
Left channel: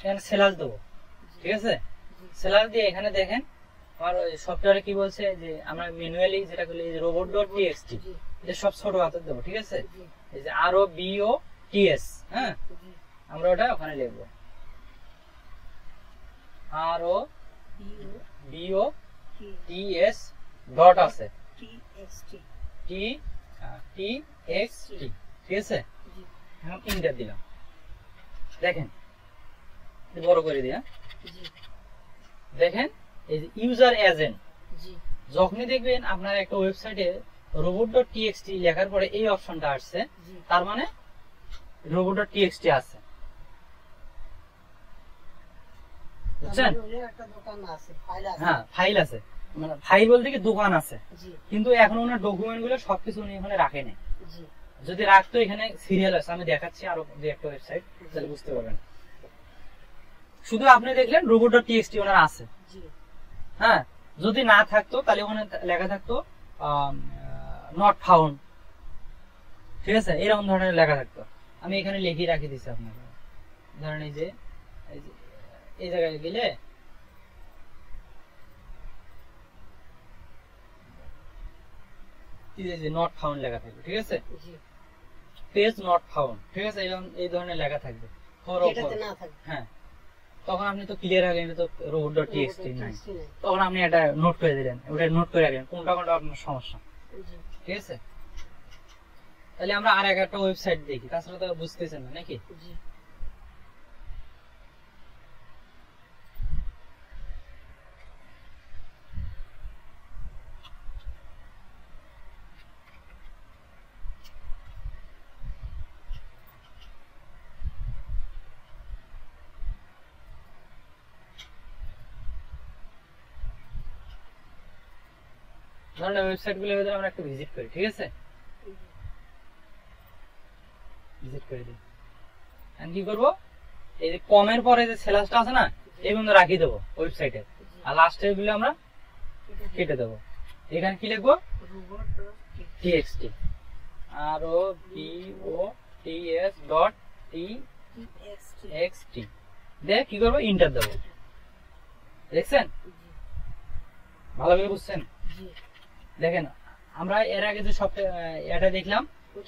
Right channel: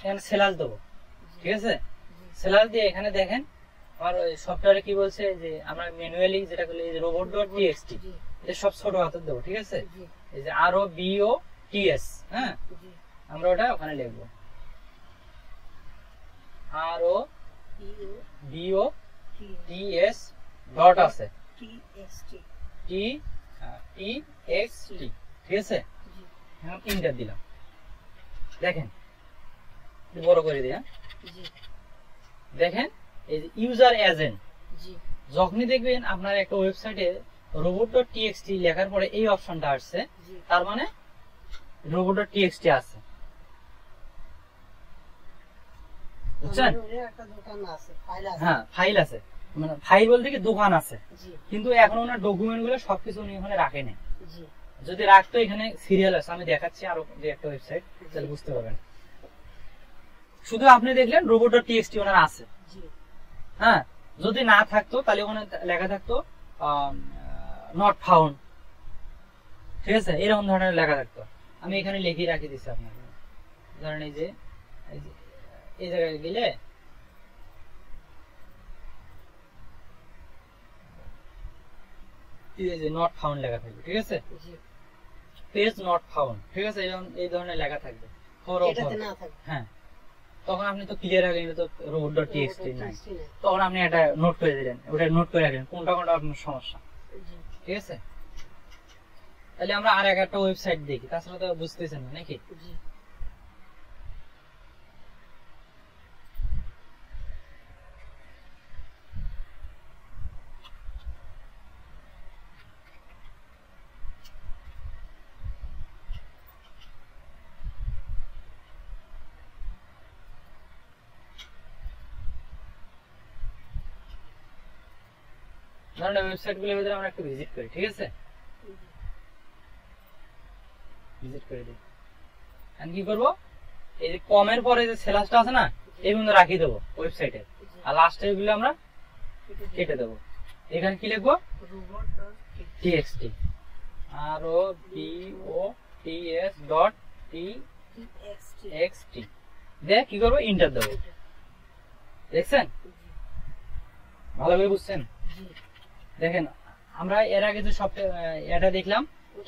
এখানে সেলাস দেবো, ঠিক আছে? সেলাস দিয়ে এখানে দেখেন আমার সফটওয়্যারে কি বলছে যে আমরা ম্যানুয়ালি যেটা করলে এই যে robot.txt জি এটা সব ছোট হাতে দেবো, ঠিক আছে? জি এই যে ROBOTS, হ্যাঁ, জি আমরা ওটা ওখানে লিখবো ROBOTS ডট আছে TXT, ঠিক আছে? এখন ইন্টার দিলাম, দেখেন বড় করে দিয়া, দেখেন এই যে ইউজার এজেন্ট, যখনই দেখবেন আপনার একটা ওয়েবসাইটে robot.txt লেখার পরে এই অপশনটা আসছে, তার মানে robot.txt আছে, বুঝছেন? হ্যাঁ, ফাইল আছে, মানে ফাইল বলতে কি দোকান আছে, কিন্তু এখন ওনার ডকুমেন্ট গুলো সবকিছু উনি এখানে রাখে না। যদি রাখতো এখানে সিরিয়াল আছে, আমি দেখাচ্ছি আরো একটা ওয়েবসাইট, তাহলে বুঝতে পারবেন। শুধু আপনি দেখলেন robot.txt ওনার আছে, হ্যাঁ, যদি না থাকতো তাহলে ওখানে লেখা থাকতো নট ফাউন্ড, ঠিক আছে? এরকম ধরনের লেখা থাকতো। আমি এখানে লিখে রাখি দিচ্ছি আপনাকে, ধরেন এই যে এই জায়গায় গেলে নট ফাউন্ড লেখা থাকবে, ঠিক আছে? পেজ নট ফাউন্ড, ঠিক আছে? এই ধরনের লেখা থাকবে, হ্যাঁ, তখন আপনি তো ক্লিয়ার হয়ে গেলেন তো robot.txt নাই, তখন আপনি এটা নোট করে দিলেন, ওটা নোট করে রাখলেন কোনটা আপনার সমস্যা, ঠিক আছে? তাহলে আমরা আর একটা ওয়েবসাইট দেখি, তাছাড়া তো বুঝতেছেন না নাকি? ধরেন ওয়েবসাইট গুলোর ভিতরে আমরা একটু ভিজিট করি, ঠিক আছে? ভিজিট করে দিই, আমি কি করবো, এই যে কমের পরে যে সেলাসটা আছে না, এইগুলো রাখি দেবো ওয়েবসাইটে, আর লাস্টে এগুলো আমরা কেটে দেবো। এখানে কি লিখবো, txt ROBOTS.txt দিয়ে কি করবো, ইন্টার দেবো। দেখছেন, ভালোভাবে বুঝছেন? দেখেন আমরা এর আগে যে সফটওয়্যার এটা দেখলাম,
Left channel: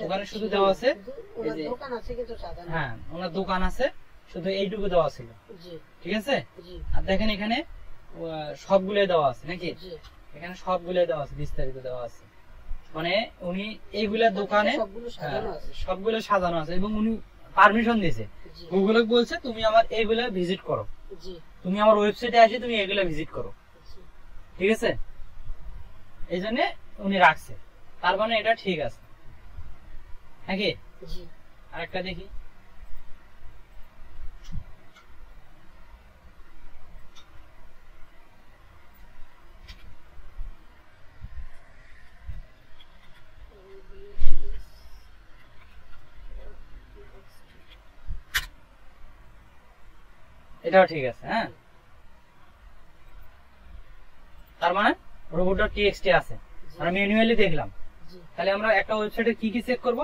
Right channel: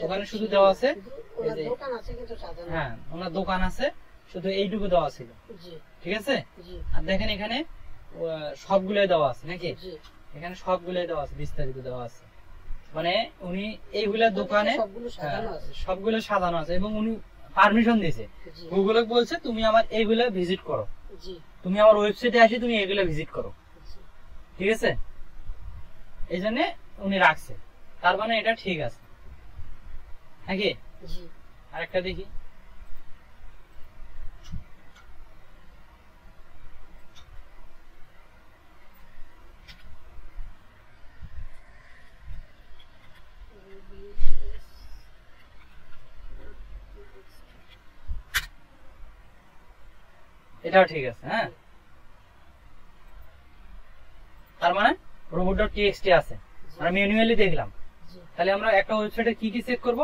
ওখানে শুধু দেওয়া আছে শুধু এই ওনার যে দোকান আছে কিন্তু সাজানো। হ্যাঁ ওনার দোকান আছে, শুধু এইটুকু দেওয়া ছিল, জি ঠিক আছে। জি আর দেখেন এখানে সবগুলোই দেওয়া আছে নাকি, জি এখানে সবগুলোই দেওয়া আছে, বিস্তারিত দেওয়া আছে। মানে উনি এইগুলা দোকানে সবগুলো সাজানো আছে। সবগুলো সাজানো আছে এবং উনি পারমিশন দিয়েছে, জি গুগলে বলছে তুমি আমার এইগুলা ভিজিট করো, জি তুমি আমার ওয়েবসাইটে আসি তুমি এগুলা ভিজিট করো, জি ঠিক আছে। এই জন্য উনি রাখছে, তার মানে এটা ঠিক আছে নাকি। জি আরেকটা দেখি, এটাও ঠিক আছে। হ্যাঁ, তার মানে robot.txt আছে, আমরা ম্যানুয়ালি দেখলাম। জি তাহলে আমরা একটা ওয়েবসাইটে কি কি চেক করব,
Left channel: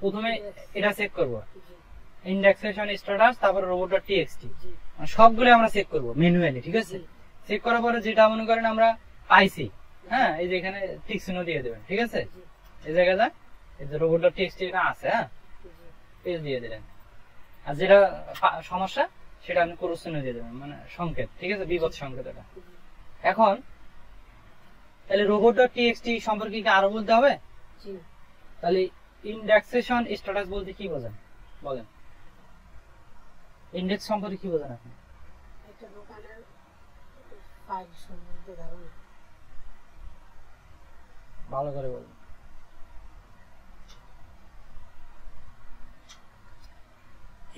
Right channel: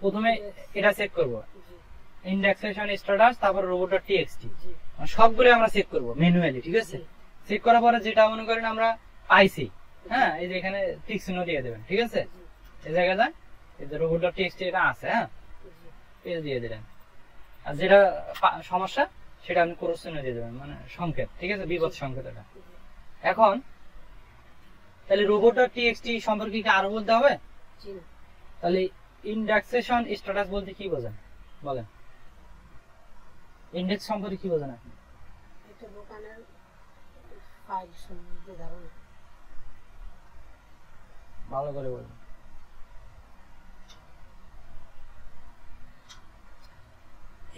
প্রথমে এটা চেক করব, ইন্ডেক্সেশন স্ট্যাটাস, তারপর robot.txt, জি মানে সবগুলো আমরা চেক করব ম্যানুয়ালি, ঠিক আছে। চেক করার পরে যেটা মনে করেন আমরা পাইছি, হ্যাঁ এই যে এখানে টিক চিহ্ন দিয়ে দেবেন, ঠিক আছে। এই জায়গায় যায় এই যে robot.txt এটা আছে, হ্যাঁ পেজ দিয়ে দিলেন। আর যেটা সমস্যা সেটা আপনি ক্রস চিহ্ন দিয়ে দেবেন, মানে সংকেত, ঠিক আছে, বিপদ সংকেত এটা। এখন তাহলে robot.txt সম্পর্কে কি আরো বলতে হবে? জি তাহলে ইন্ডেক্সেশন স্ট্যাটাস বলতে কি বোঝেন বলেন, ইন্ডেক্স সম্পর্কে কি বোঝেন আপনি? একটা দোকানের ফাইল সম্বন্ধে ধারণা। ভালো করে বলুন।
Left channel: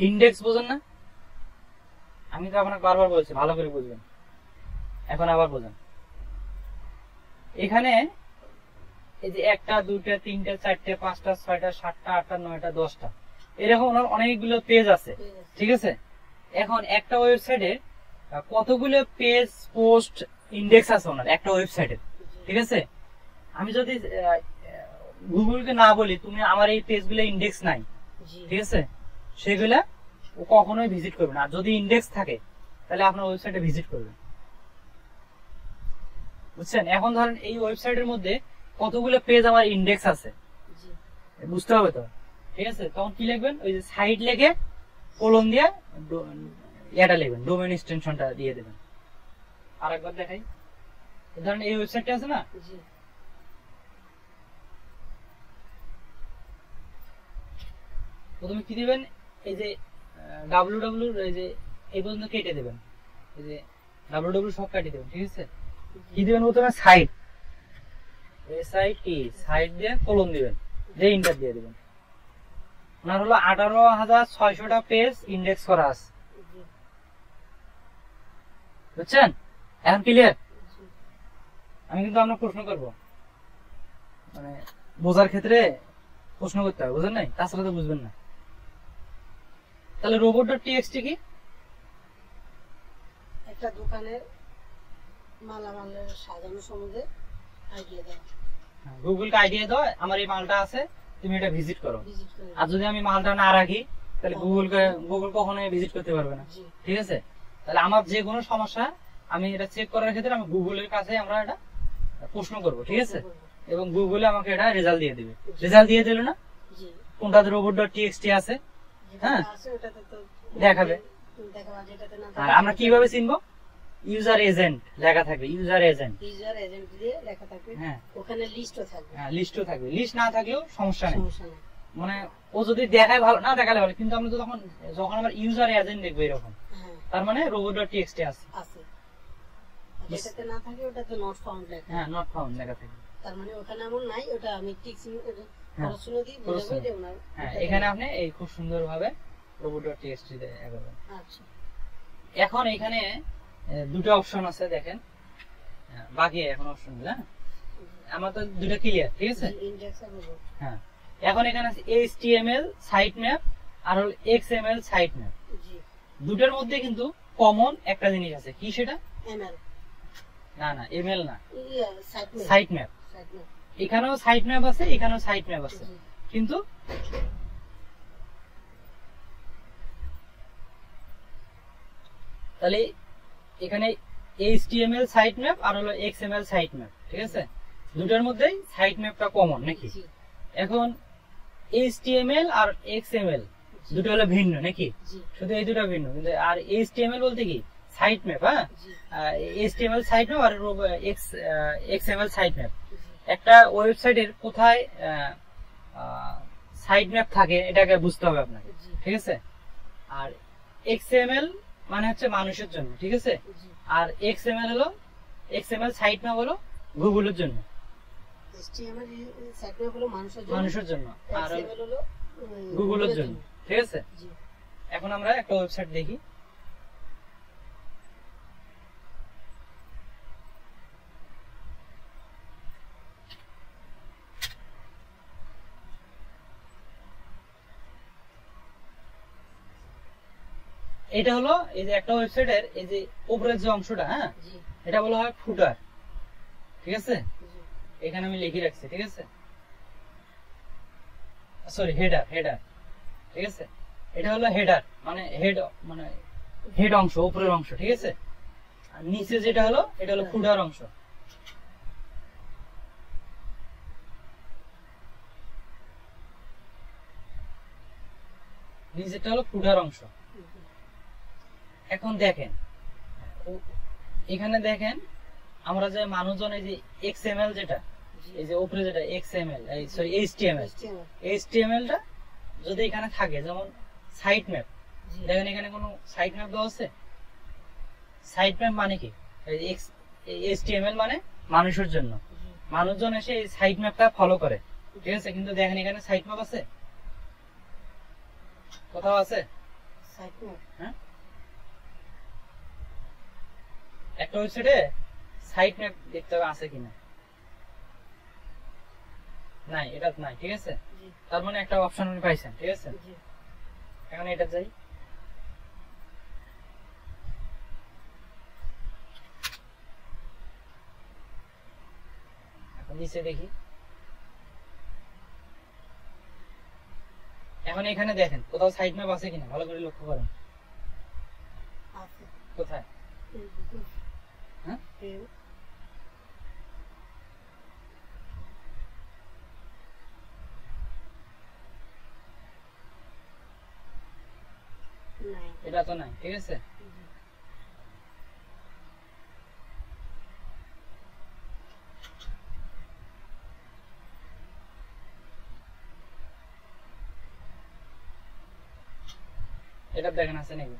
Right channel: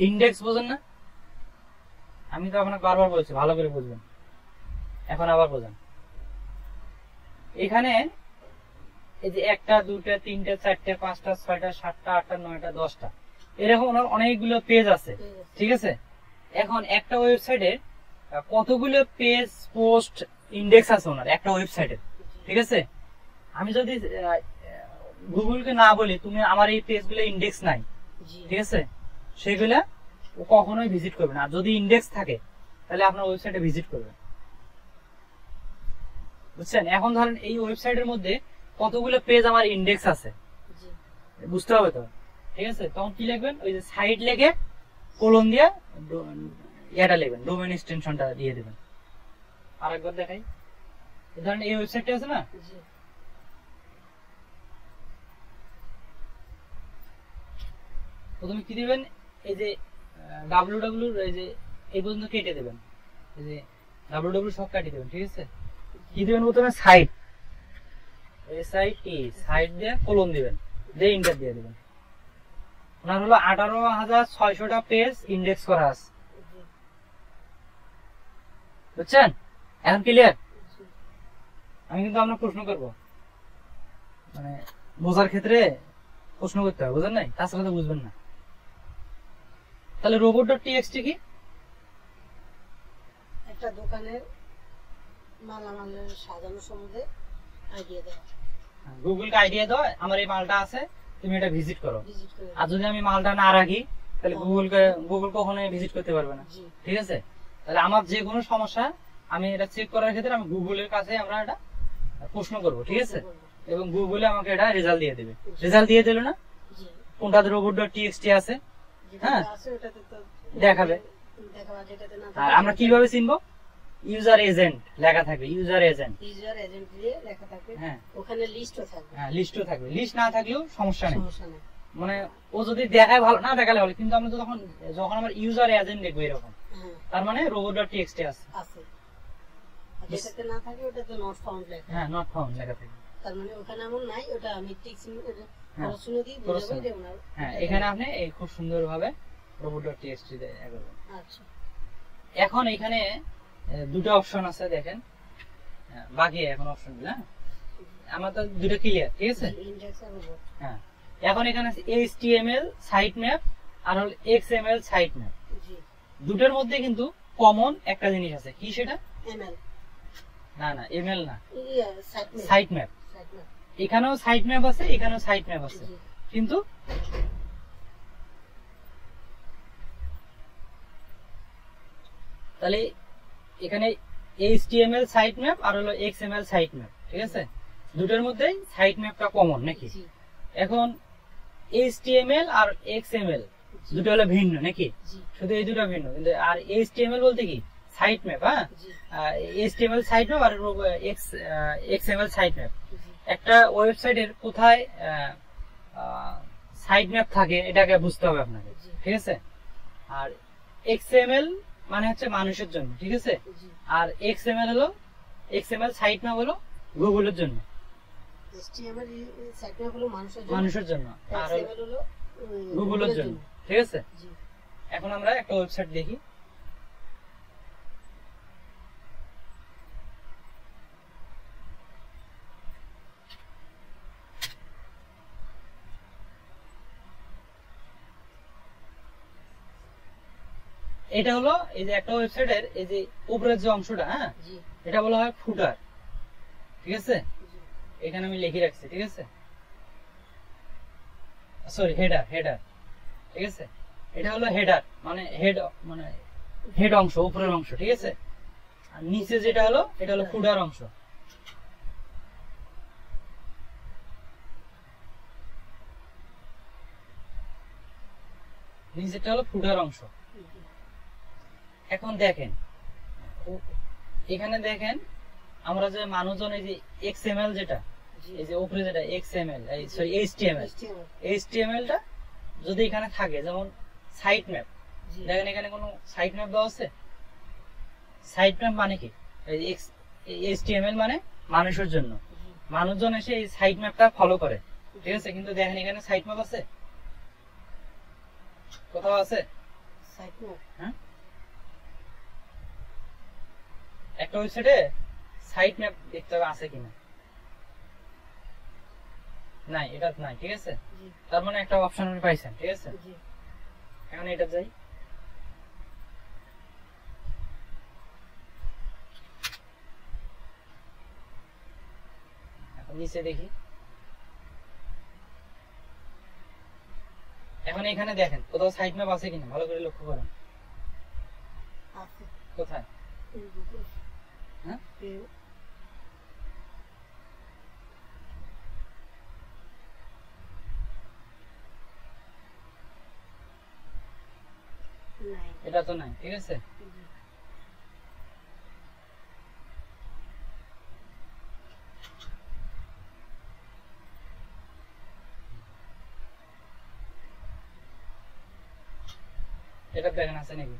ইন্ডেক্স বোঝেন না? আমি তো আপনাকে বারবার বলছি ভালো করে বুঝবেন, এখন আবার বোঝেন। এখানে এই যে 1টা 2টা 3টা 4টা 5টা 6টা 7টা 8টা 9টা 10টা এরকম অনেকগুলো পেজ আছে, ঠিক আছে। এখন একটা ওয়েবসাইটে কতগুলো পেজ পোস্ট ইন্ডেক্স আছে ওনার একটা ওয়েবসাইটে, ঠিক আছে। আমি যদি গুগলকে না বলি তুমি আমার এই পেজগুলো ইন্ডেক্স নাই, জি ঠিক আছে, সেগুলা ও কখনোই ভিজিট করবে না। আর যদি ইন্ডেক্স থাকে তাহলে আপনার ওয়েবসাইটে ভিজিট করবে, বুঝছেন। এখন ধরেন এই ওয়েবসাইটের মধ্যে কতগুলো পেজ আমার ইন্ডেক্স আছে জি বুঝতে হবে তো, ঠিক আছে। তখন কি লিখবেন, ওই যে সাইট লিখে কোলন দিয়া এটা লিখবেন, ডোমেইন এক্সটেনশনটা দিয়ে দেবেন। আরেকবার দেখাই, ধরেন এই ওয়েবসাইটটা আছে না, জি প্রথমে কি দিবেন, এই যে www এই যে এই পর্যন্ত কেটে দেবেন, এই যে www সব কেটে দেবেন, ঠিক আছে। কি দিবেন প্রথমে সাইট, সাইট দিয়ে কোলন দিবেন, দিয়ে ইন্টার দিয়ে দিবেন। ওনার হলো 18,600টা পেজ ইন্ডেক্স করা আছে, জি বুঝছেন। এখন ক্লিয়ার? জি আমি কিন্তু আপনার প্রশ্ন করব, মানে বোঝার ক্ষেত্রে প্রশ্ন করতে হবে, বুঝেন নাই, তাছাড়া তো বুঝবেন না। তাহলে robot.txt কি? একটা দোকানে মালামালের সাজানো সম্বন্ধে আইডিয়া দেওয়া, গুগলকে আইডিয়া দাও আমার এই মালটা আছে তুমি এটা ভিজিট করো। ভিজিট করে আর যদি আমি মালটা না রাখি তাহলে গুগল কখনোই ভিজিট করতে পারবে না, জি ঠিক আছে। তাহলে আমার যে কোনো সমস্যা আমি এটা চেক করার ক্ষেত্রে আমি গুগলের কাছে আমরা এটা প্রশ্ন করব, ঠিক আছে, এবং গুগলে আমাকে এটা রেজাল্ট দিয়ে দিবে। রেজাল্ট দিয়ে দিল না জি কোনটাতে robot.txt আছে যেটা হ্যাঁ আছে ওটাতে তো দেখাবে। দেখাবা, যেটাতে না আর আমরা কিভাবে চিনবো, ইউজার এজেন্ট লেখা থাকবে, ইউজার এজেন্ট, ইউজার এজেন্ট দিয়ে লেখা থাকবে, হ্যাঁ ওখানে লিস্টও থাকবে, লিস্টও থাকবে। লিস্ট না থাকলেও সমস্যা নেই, সমস্যা নেই। মানে ও যদি দেখায় ভালো, না দেখালে ভালো, কিন্তু আমরা তো যখন আমার ইউজার এজেন্ট দেখবো এরকম, হ্যাঁ তার মানে robot.txt আছে, আছে। আর যেটাতে না থাকে ওটাতে নট ফাউন্ড লেখা, হ্যাঁ নট ফাউন্ড লেখা থাকবে। তার মানে ওখানে এমন নাই, ওটা আমি টিক চিহ্ন হ্যাঁ, পড়াশোনা দিয়ে খরচ বোঝাবো চিহ্ন। যে ওনার হ্যাঁ এটা এখানে আপনি এই খুব সুন্দর ভাবে robot.txt তে এগোবেন। আচ্ছা এখন এখানে দুটো অপশন আছে দেখেন, বাকি এখন অপশন গুলো, আমার তো দুটো ক্লিয়ার, ঠিক আছে। ইন্ডেক্স আর রোবট, হ্যাঁ এখন এখানে আছে HTML সাইট ম্যাপ আর হল XML সাইট ম্যাপ। জি দুটোর মধ্যে কিন্তু কমন একটা জিনিস আছে, কি সেটা? এমএল, না না এমএল না, site map, site map. Site map, এখানেও সাইট ম্যাপ আছে, এখানেও সাইট ম্যাপ আছে, জি কিন্তু তাহলে এখানে HTML সাইট ম্যাপ আর হলো XML সাইট ম্যাপ, ঠিক আছে। দুটোর মধ্যেই সাইট ম্যাপটা কমন নাকি। জি এখন HTML আর XML জি, দুটো হলো ভিন্ন নাকি? জি, শুধু এই দুটো ভিন্ন, কিন্তু আর HTML বলতে কি সাইট ম্যাপ, হ্যাঁ, জি, HTML সাইট ম্যাপ আর XML সাইট ম্যাপ। জি, একটা ওয়েবসাইটের কোথায় সাইট ম্যাপ থাকে এটাকে বুঝতে হবে আপনাকে, জি, ঠিক আছে? আর XML মানে হচ্ছে মানুষের জন্য, ঠিক আছে? জি। আর XML সাইট ম্যাপ হলো গুগলের জন্য, HTML সাইট ম্যাপ হলো মানুষের মানুষের জন্য, আর XML হলো গুগলের জন্য, ঠিক আছে? জি, এখন আমরা একটা ওয়েবসাইট দেখি। এটা হলো এই যে একটা ওয়েবসাইটের এই যে উপরের যে অংশটা, হ্যাঁ, জি, এটা বলা হয় ফুটার, ঠিক আছে? জি, এখানে আমি লিখে রাখছি, ঠিক আছে? সরি, হেডার, ঠিক আছে? এটা হলো হেডার, মানে হেড অংশ, উপরের অংশ, ঠিক আছে? আর নিচে যেটা হলো এটা হলো ফুটার অংশ। নিচেরটা হলো ফুটার অংশ। এখন দেখেন, এখানে দেখেন আমরা যে মানুষজন এই যে XML যেটা, জি, এই যে উপরে যেটা XML, এই সরি HTML, HTML, HTML টা যদি এখানে থাকে, যেমন সাইট ম্যাপ, জি, দেখেন এখানে কোনো সাইট ম্যাপ দেওয়া আছে? সাইট ম্যাপ মানে কি? এই HTML মানে মানুষের জন্য, জি, মানুষজন এসে এই সাইট ম্যাপটা ফলো করে, ঠিক আছে? কিন্তু দেখেন এখানে সাইট ম্যাপ আছে? কোথাও আছে? সাইট ম্যাপ, হ্যাঁ, একটা ওয়েবসাইটে সাইট ম্যাপ দেখতে হবে আছে কিনা। নাই, এটা নাই, ঠিক আছে? জি, তার মানে একটা অপশন আপনি পাইছেন, ঠিক আছে? জি, এখন এটা যাই, এখন নিচে দেখি। এখন এখানে দেখেন কোথাও সাইট ম্যাপ আছে কিনা, ভালো করে লক্ষ্য করেন। আছে, কোথায়? এই Google, হ্যাঁ, এই, নাই, এটা তো নাই, ঠিক আছে? জি, এটা দেখেন আছে নাকি?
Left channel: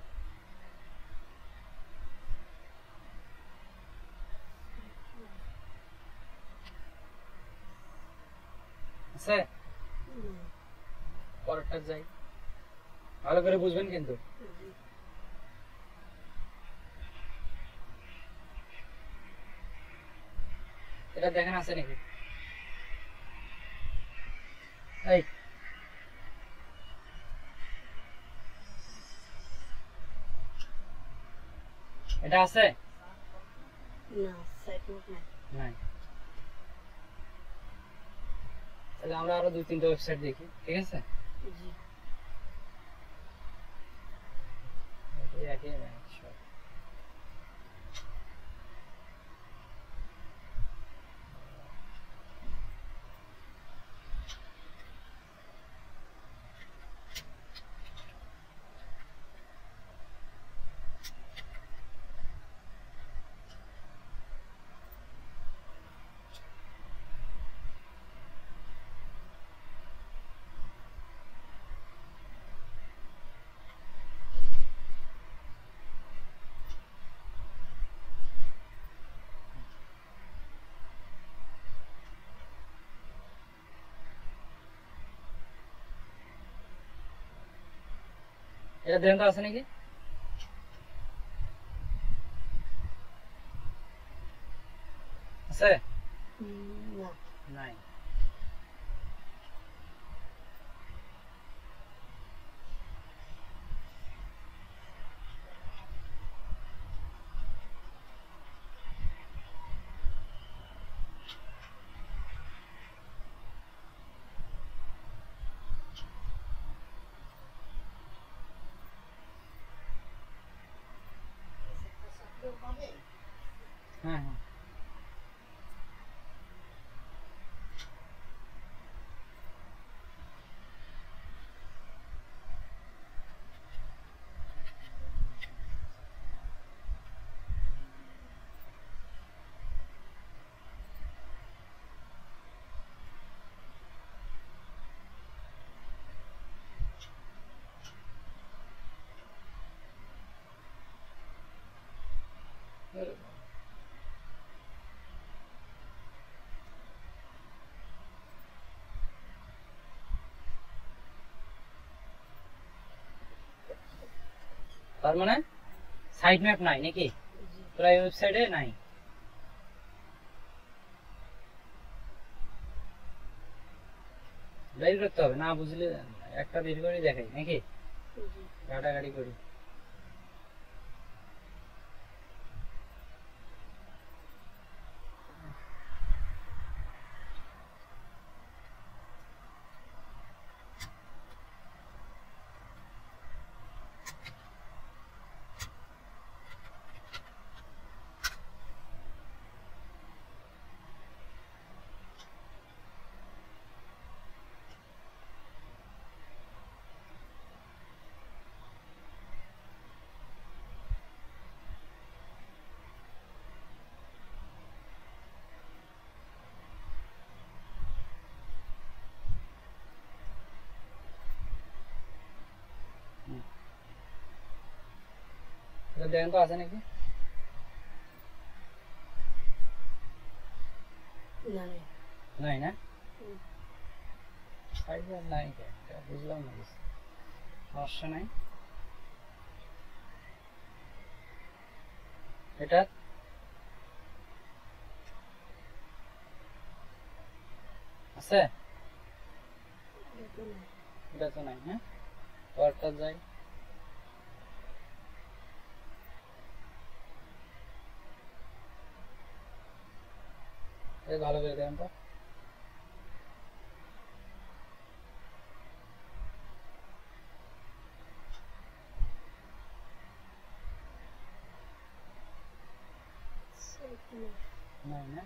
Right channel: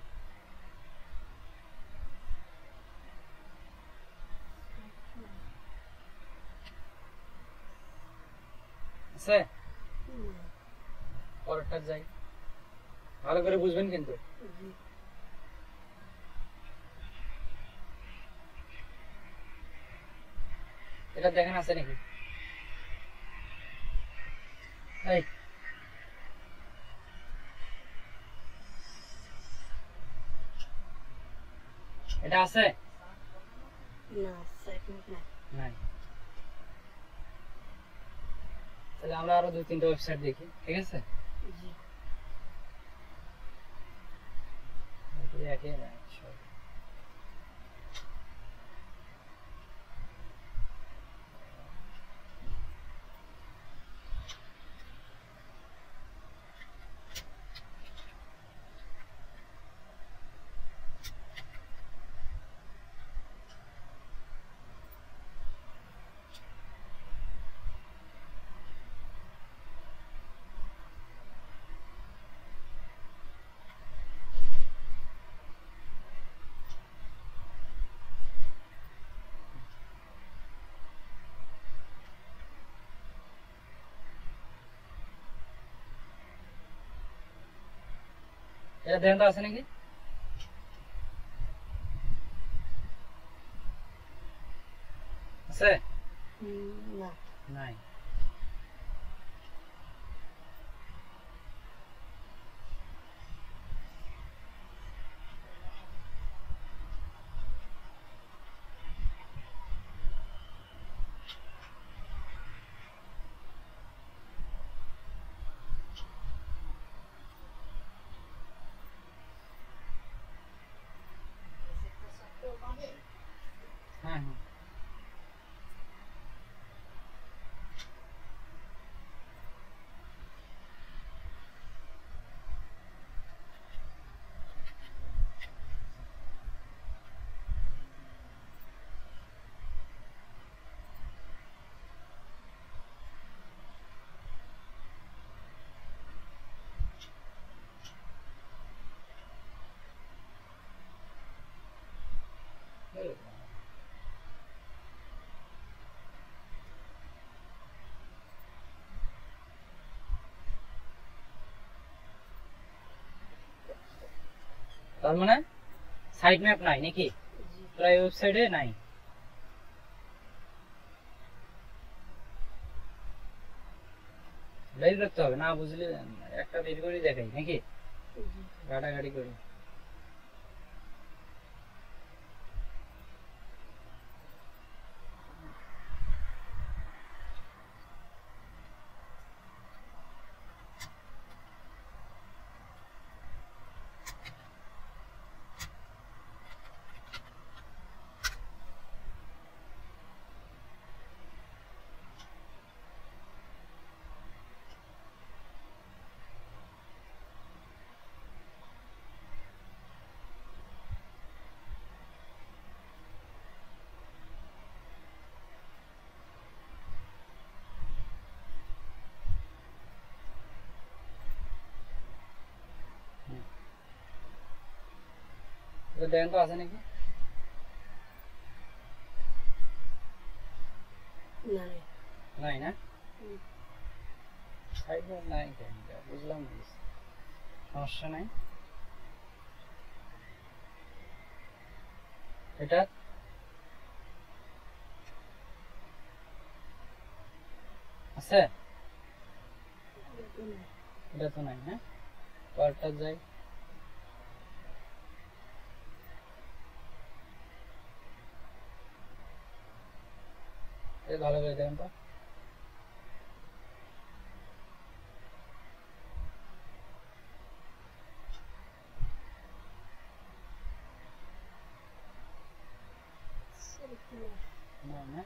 আছে? নাই, পরেরটা যাই, ভালো করে বুঝবেন কিন্তু। জি, এটা দেখেন আছে নাকি? এই এটা আছে? না, সাইট ম্যাপ নাই, নাই। তাহলে আমরা আরো 2-3টা ওয়েবসাইট দেখি, ঠিক আছে? জি, এটা দেখেন তো আছে নাকি? আছে? না, নাই। হ্যাঁ, হ্যাঁ। তার মানে সাইট ম্যাপ নাই নাকি, প্রায় ওয়েবসাইটে নাই। বের করতে হবে না, বুঝলে একটা বের করে দেখাই নাকি, ঘাটাঘাটি করি। দেখেন তো আছে নাকি, নাই না, নাই বুঝলাম না, সমস্যা নাই। এটা আছে, এটা তো নাই। হ্যাঁ, পরটা যাই, ভালো করে দেখেন তো। নাই না,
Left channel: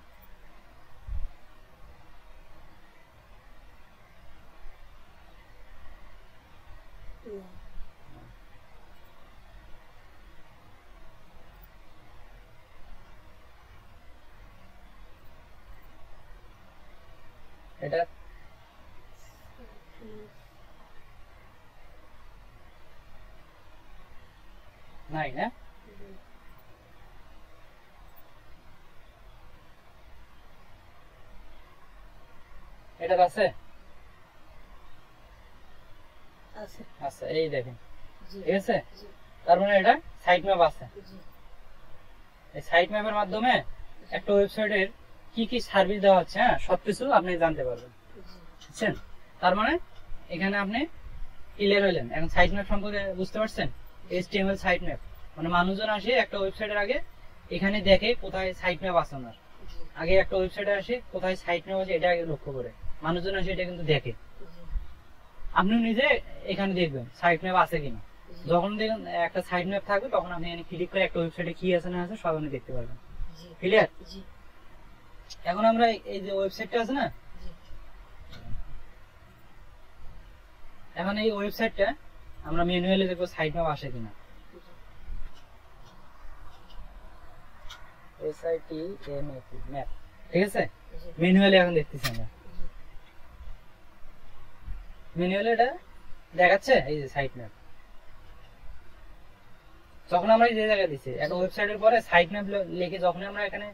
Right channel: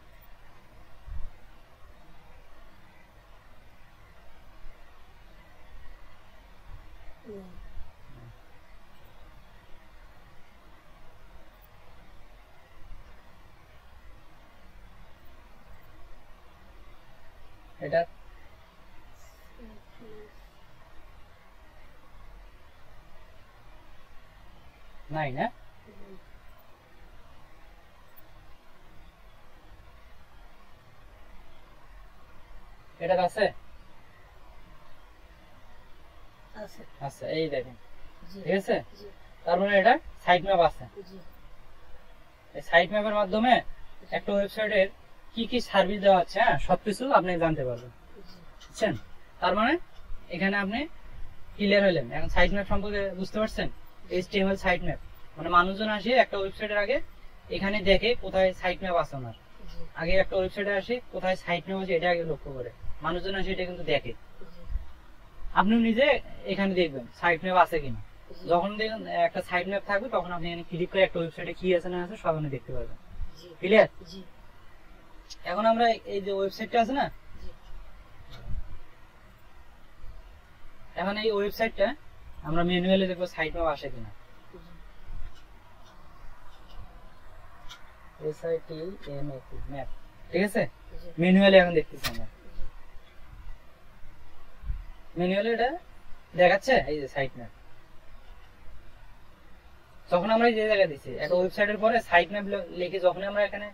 এটা নাই না, এটা আছে, আচ্ছা এই দেখেন, ঠিক আছে। তার মানে এটা সাইট ম্যাপ আছে। এই সাইট ম্যাপের মাধ্যমে একটা ওয়েবসাইটের কি কি সার্ভিস দেওয়া হচ্ছে, হ্যাঁ, সবকিছু আপনি জানতে পারবেন, বুঝছেন। তার মানে এখানে আপনি ক্লিয়ার হলেন, এখন সাইট ম্যাপ সম্পর্কে বুঝতে পারছেন। HTML সাইট ম্যাপ মানে মানুষজন আসে একটা ওয়েবসাইটের আগে এখানে দেখে কোথায় সাইট ম্যাপ আছে ওনার, আগে একটা ওয়েবসাইটে আসে কোথায় সাইট ম্যাপ আছে এটা আগে লক্ষ্য করে, মানুষজন আসে এটা কিন্তু দেখে। আপনি নিজে এখানে দেখবেন সাইট ম্যাপ আছে কিনা, যখন দেখবেন একটা সাইট ম্যাপ থাকবে তখন আপনি এখানে ক্লিক করে একটা ওয়েবসাইটে কি আছে না আছে সব আপনি দেখতে পারবেন। ক্লিয়ার? এখন আমরা এই যে ওয়েবসাইটটা আছে না, এখন এই ওয়েবসাইটটা আমরা ম্যানুয়ালি দেখবো সাইট ম্যাপ আসে কিনা। ম্যাপ, ঠিক আছে, ম্যানুয়ালি এখন দেখতেছি আমরা, ম্যানুয়ালি এটা দেখাচ্ছে এই যে সাইট ম্যাপ। যখন আমরা যে জায়গায় দিছি একটা ওয়েবসাইটের পরে সাইট ম্যাপ লিখে যখন আমরা এখানে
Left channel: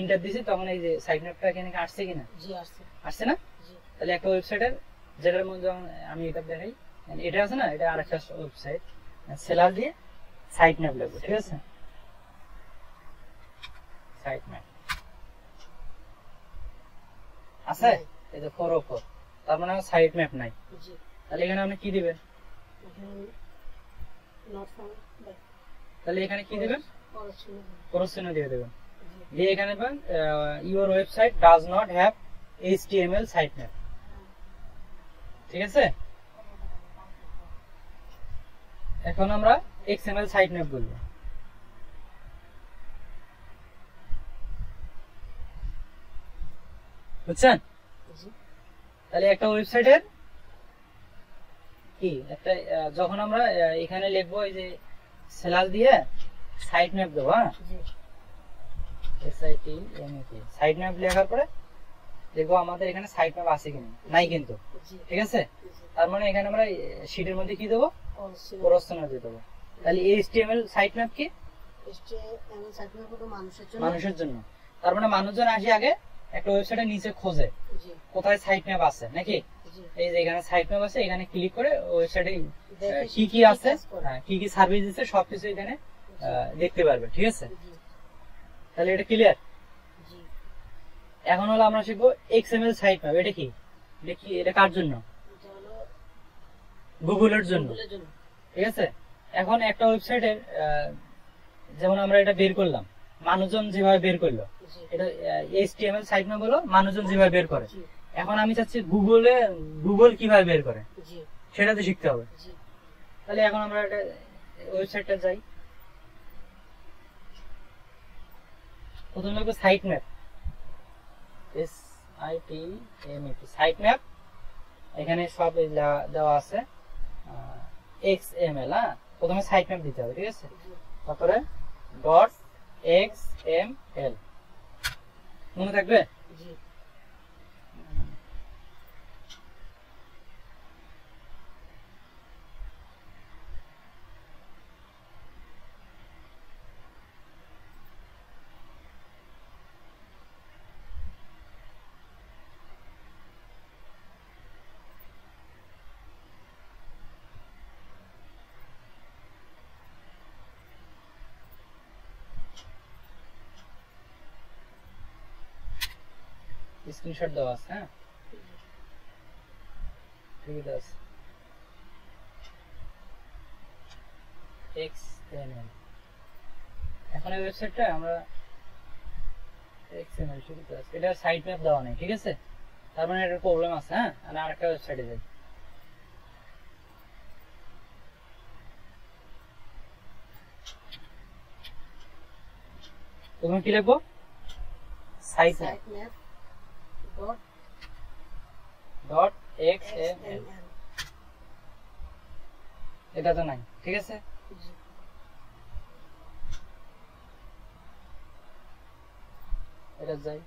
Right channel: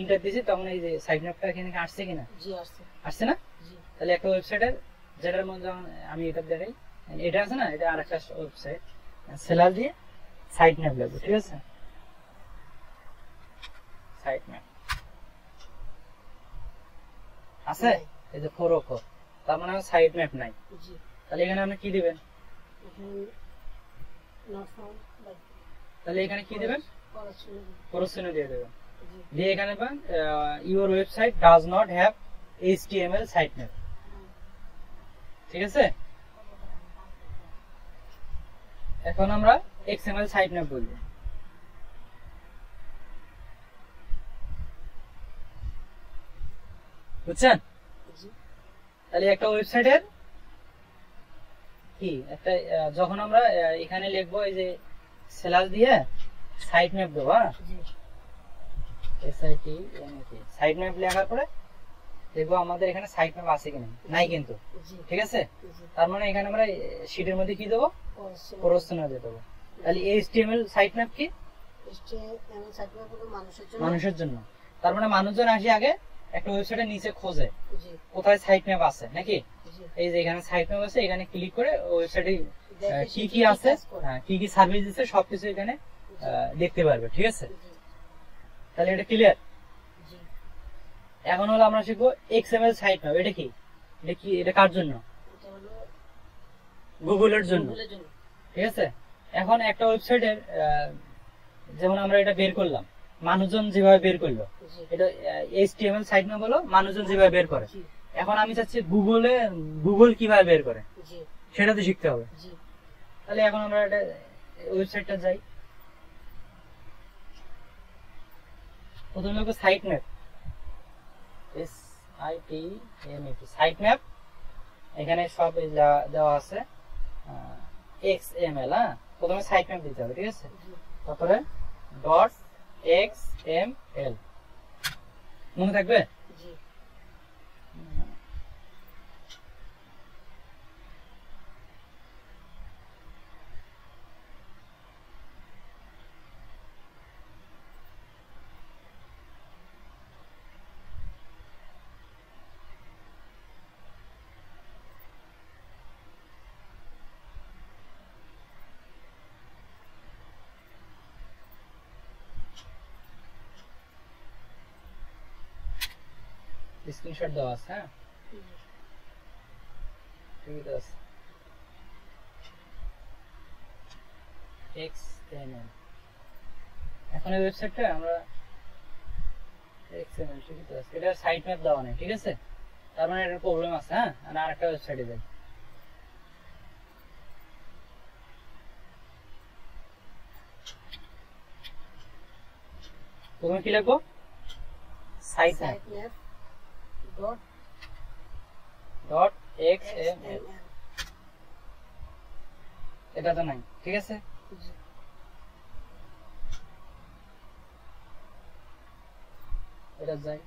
ইন্টার দিছি তখন এই যে সাইট ম্যাপটা এখানে আসছে কিনা, আসছে না। তাহলে একটা ওয়েবসাইটের যেটার মধ্যে আমি এটা দেখাই, এটা আছে না, এটা আরেকটা ওয়েবসাইট, সেলার দিয়ে সাইট ম্যাপ লাগবে, ঠিক আছে। সাইট ম্যাপ আছে, এই যে 404, তার মানে সাইট ম্যাপ নাই। তাহলে এখানে আপনি কি দিবেন, তাহলে এখানে কি দিবেন, প্রশ্ন দিয়ে দেবেন, দিয়ে এখানে পাবেন your website does not have HTML site map, ঠিক আছে। এখন আমরা XML সাইট ম্যাপ বলবো, বুঝছেন। তাহলে একটা ওয়েবসাইটের কি একটা যখন আমরা এখানে লিখবো এই যে স্ল্যাশ দিয়ে সাইট ম্যাপ দেবো, হ্যাঁ, সাইট ম্যাপ লেখার পরে দেখবো আমাদের এখানে সাইট ম্যাপ আছে কিনা, নাই কিন্তু, ঠিক আছে। তার মানে এখানে আমরা শীটের মধ্যে কি দেবো, প্রশ্ন দেবো। তাহলে HTML সাইট ম্যাপ কি, মানুষের জন্য। তার মানে মানুষজন আসি আগে একটা ওয়েবসাইটের নিচে খোঁজে কোথায় সাইট ম্যাপ আছে নাকি, এই যে এখানে সাইট ম্যাপ আছে, এখানে ক্লিক করে ওয়েবসাইটে দেখে কি কি সে আছে, কাজ করে। কি কি সার্ভিস দিচ্ছে সবকিছু এখানে দেখতে পারবে। ঠিক আছে, জি, তাহলে এটা ক্লিয়ার। জি, এখন হলো আমরা শিখবো এক্সএমএল সাইট ম্যাপ। এটা কি, এটা কার জন্য? এটা হলো গুগলের জন্য। গুগলের জন্য। ঠিক আছে, এখন একটা ওয়েবসাইটের যেমন আমরা এটা বের করলাম, মানুষজন যেভাবে বের করলো, জি, এটা এইচটিএমএল সাইট ম্যাপ হলো মানুষজন যেভাবে বের করে। জি, এখন আমি চাচ্ছি গুগল কিভাবে বের করে, জি, সেটা তো শিখতে হবে। জি, তাহলে এখন আমরা এটা ওয়েবসাইটটা যাই। প্রথমে লিখবো site map, SITMAP site map. এখানে সব দেওয়া আছে XML। হ্যাঁ, প্রথমে সাইট ম্যাপ দিতে হবে। ঠিক আছে, জি, তারপরে .xml মনে থাকবে। জি, স্ক্রিনশট দেওয়া আছে। হ্যাঁ, ঠিক আছে, XML। এখন এই ওয়েবসাইটটা আমরা XML শুরু করতে আছে, এটা সাইট ম্যাপ দেওয়া নেই। ঠিক আছে, তার মানে এটার প্রবলেম আছে। হ্যাঁ, আর আরেকটা ওয়েবসাইটে যাই। প্রথমে কি লিখবো? Site map site map dot dot XML। XML। এটা তো নাই। ঠিক আছে, জি, এটা যাই।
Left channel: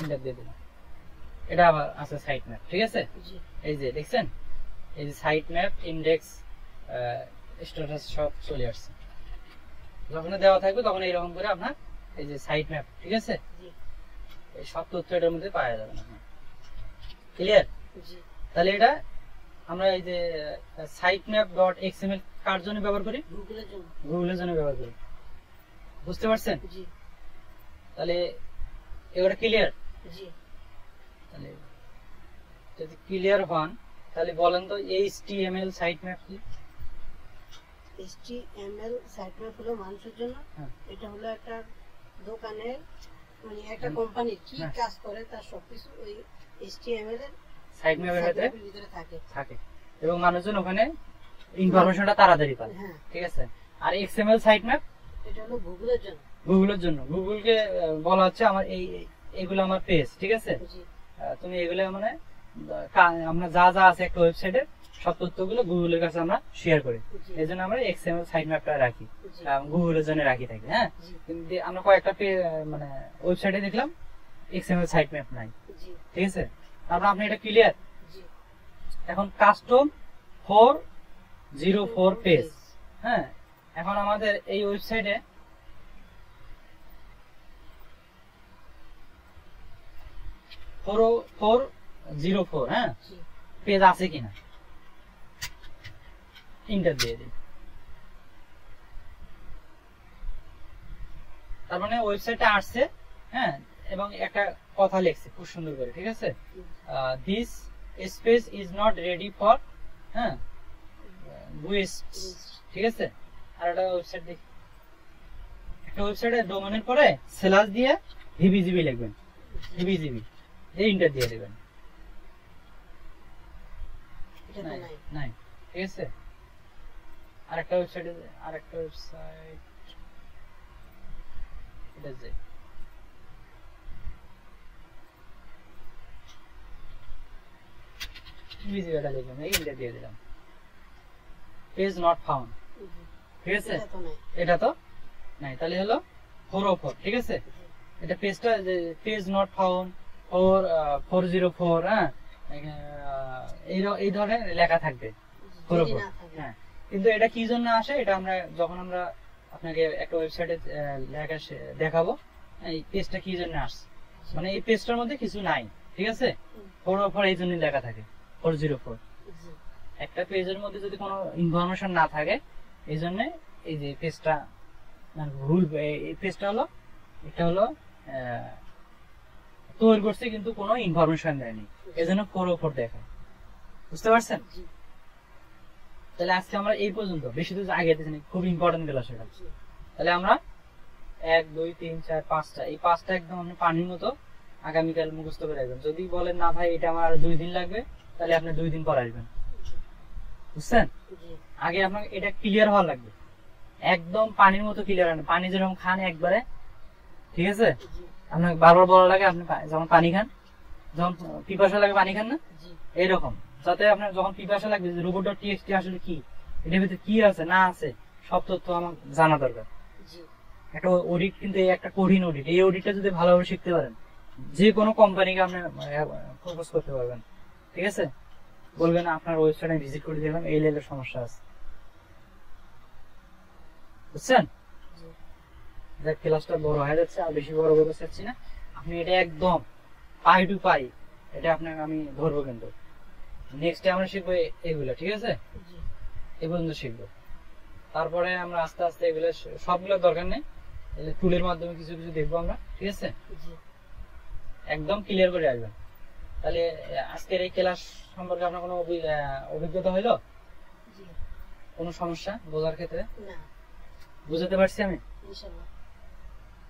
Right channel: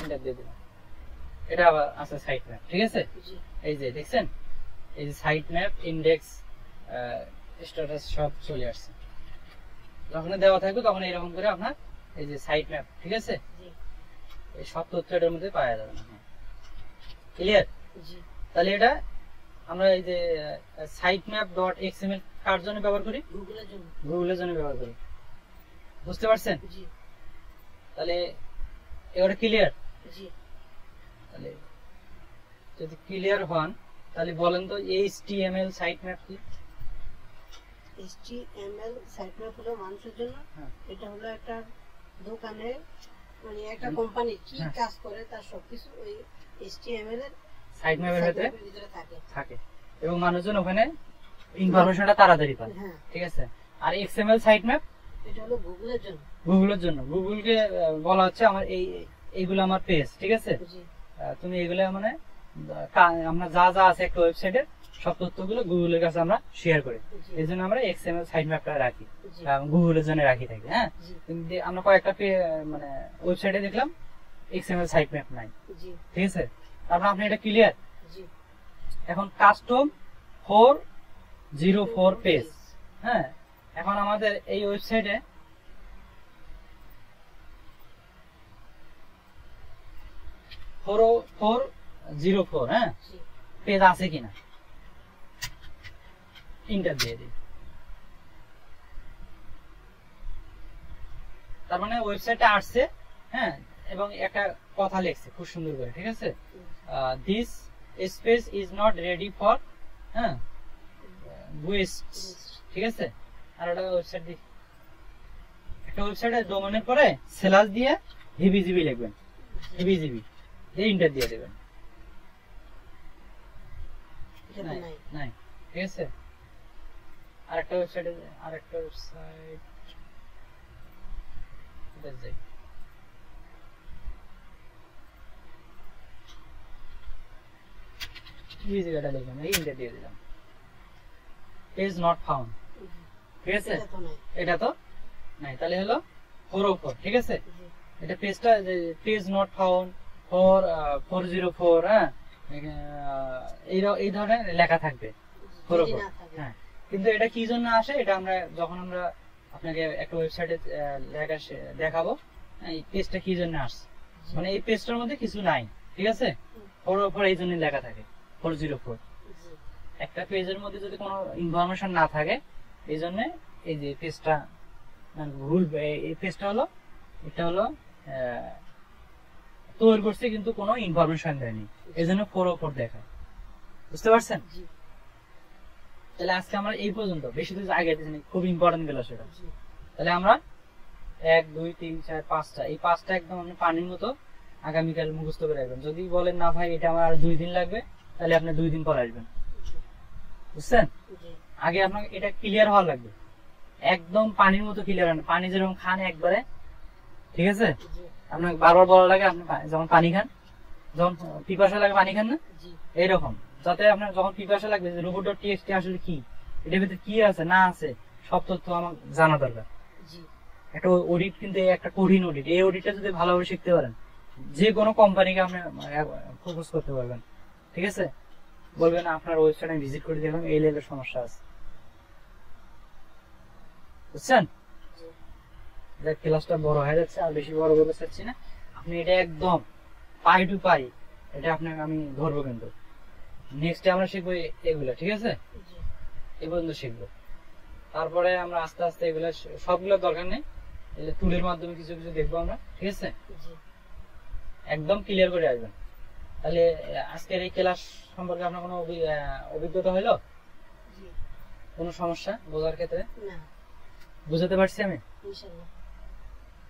এন্টার দিয়ে দিলাম। এটা আবার আছে সাইট ম্যাপ। ঠিক আছে, জি, এই যে দেখছেন, এই যে সাইট ম্যাপ, ইন্ডেক্স, স্ট্যাটাস সব চলে আসছে। যখন দেওয়া থাকবে তখন এইরকম করে আপনার এই যে সাইট ম্যাপ। ঠিক আছে, জি, এই সব তথ্য এটার মধ্যে পাওয়া যাবে না। ক্লিয়ার? জি, তাহলে এটা আমরা এই যে সাইট ম্যাপ ডট এক্সএমএল কার জন্য ব্যবহার করি? গুগলের জন্য। গুগলের জন্য ব্যবহার করি। বুঝতে পারছেন? জি, তাহলে এবারে ক্লিয়ার? জি, তাহলে যদি ক্লিয়ার হন তাহলে বলেন তো এইচটিএমএল সাইট ম্যাপ কি? HTML সাইট ম্যাপ হলো মানুষের জন্য। হ্যাঁ। এটা হলো একটা দোকানে, মানে একটা কোম্পানি কি হ্যাঁ। কাজ করে তার সবকিছু ওই HTML এর সাইট ম্যাপের ভেতরে ভিতরে থাকে। থাকে এবং মানুষজন ওখানে ইনফরমেশনটা তাড়াতাড়ি পায়। হ্যাঁ, ঠিক আছে, আর এক্সএমএল সাইট ম্যাপ এটা হলো গুগলের জন্য। গুগলের জন্য। গুগলকে বলা হচ্ছে আমার এইগুলো আমার পেজ। ঠিক আছে, জি, তুমি এগুলো মানে আমরা যা যা আছে একটা ওয়েবসাইটের সব তথ্যগুলো গুগলের কাছে আমরা শেয়ার করি। জি, এই জন্য আমরা এক্সএমএল সাইট ম্যাপটা রাখি, জি, গুগলের জন্য রাখি থাকি। হ্যাঁ, জি, কিন্তু আমরা কয়েকটা মানে ওয়েবসাইটে দেখলাম এক্সএমএল সাইট ম্যাপ নাই। জি, ঠিক আছে, তারপর আপনি এটা ক্লিয়ার। জি। এখন কাস্টম 404 পেজ। হ্যাঁ, এখন আমাদের এই ওয়েবসাইটে ফোর 04 হ্যাঁ জি, পেজ আছে কিনা ইন্টার দিয়ে দিই। তার মানে ওয়েবসাইটটা আসছে। হ্যাঁ, এবং একটা কথা লিখছে খুব সুন্দর করে। ঠিক আছে, this space is not ready for হ্যাঁ গুয়েস্ট। ঠিক আছে, আর একটা ওয়েবসাইট দেখি, একটা ওয়েবসাইটের ডোমেনের পরে স্ল্যাশ দিয়ে হিবিজিবি লিখবেন, হিবিজিবি দিয়ে ইন্টার দিয়ে দেবেন। এটা নাই নাই। নাই, ঠিক আছে। আরেকটা ওয়েবসাইটে আরেকটা ওয়েবসাইট এটা যাই। হিবিজিবিটা লিখলাম, এই ইন্টার দিয়ে দিলাম। Page not found. ঠিক আছে, এটা তো নাই। এটা তো নাই, তাহলে হলো 404। ঠিক আছে, জি, এটা পেজটা পেজ নট ফাউন্ড 404 হ্যাঁ এই ধরনের লেখা থাকবে। যদি 404 না থাকে। হ্যাঁ, কিন্তু এটা কি জন্য আসে, এটা আমরা যখন আমরা আপনাকে একটা ওয়েবসাইটে দেখাবো এই পেজটা কি জন্য আসছে। মানে এই পেজটার মধ্যে কিছু নাই, ঠিক আছে? 404 এই জন্য লেখা থাকে 404। জি একটা পেজের মধ্যে যদি কোনো ইনফরমেশন না থাকে এই জন্য এই যে পেজটা ভুল। এই পেজটা হলো এটা হলো তৈরি করছে কিন্তু কোনো ইনফরমেশন দেয়নি, এই জন্য 404 দেখায়। বুঝতে পারছেন? জি তাহলে আজকে আমরা এই পর্যন্ত, বেশি তো আগে দিচ্ছি, খুব ইম্পর্টেন্ট গেল সেটা। জি তাহলে আমরা 1 2 3 4 5টা, এই 5টা একদম আপনি পানির মতো আগামীকাল মুখস্থ করে রাখবেন। যদি বলেন না ভাই এটা আমার 2 দিন লাগবে, তাহলে আপনি 2 দিন পর আসবেন। বুঝছেন? জি আগে আপনাকে এটা ক্লিয়ার হওয়া লাগবে, একদম পানির মতো ক্লিয়ার হয় না। পানি যেরকম খান একবারে, ঠিক আছে? জি আপনাকে বারবার বলা লাগে আপনি যেমন পানি খান, যখন পিপাসা লাগে পানি খান না, জি এইরকম। যাতে আপনার যখন পিপাসা লাগবে রোবট.txt আসলে কি, এটার ভিতরে কি আছে না আছে সব তথ্য আমার জানা দরকার। জি একটা অডিট কিন্তু একটা কঠিন অডিট, এই অডিটটা যদি ভালোভাবে শিখতে পারেন যে কোনো কোম্পানিকে আপনি প্রপোজ করতে পারবেন। ঠিক আছে? বলবেন আপনার ওয়েবসাইট আমি ভিজিট করে দেখলাম এই লেভেলের সমস্যা আছে। বুঝছেন? জি দেখ ক্লাসটা বড় হয়ে যাচ্ছে, আর বেশি বড় করতে চাচ্ছি না। আপনি এটা একদম পাই টু পাই এটা আপনাকে আমি ধরবো। কিন্তু নেক্সট আমরা শিখবো এগুলো, ঠিক আছে? জি এই পর্যন্ত শিখবো, তারপরে আমরা আস্তে আস্তে এগুলো সবগুলোর দরকার নেই, টুলের মাধ্যমে কিছু কিছু দেখবো আমরা, ঠিক আছে? জি একদম ক্লিয়ার করে আসবেন। তাহলে আজকের এই ক্লাস সম্পর্কে আপনার কোনো অভিজ্ঞতা হলো? জি কোনো সমস্যা বোঝার ক্ষেত্রে? না বুঝাতে পারছি আমি? ইনশাআল্লাহ।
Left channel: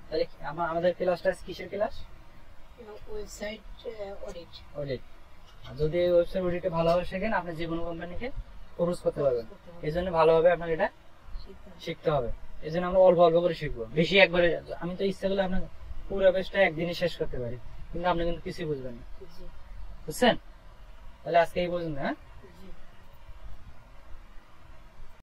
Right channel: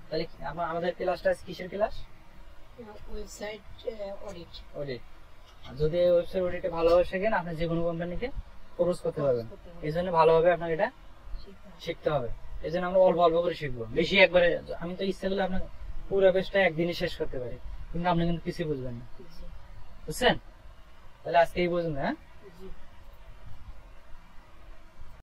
তাহলে আমাদের ক্লাসটা কিসের ক্লাস? Website audit audit. যদি এই ওয়েবসাইট অডিটে ভালোভাবে শেখেন আপনি যে কোনো কোম্পানিকে প্রপোজ করতে পারবেন। এই জন্য ভালোভাবে আপনাকে এটা শিখতে হবে। এই জন্য আমরা অল্প অল্প করে শিখবো, বেশি একবারে। আমি তো ইচ্ছা করলে আপনাকে পুরো পেজটা একদিনে শেষ করতে পারি, কিন্তু আপনি কিন্তু কিছুই বুঝবেন না। জি বুঝছেন? তাহলে আজকে এই পর্যন্ত, হ্যাঁ?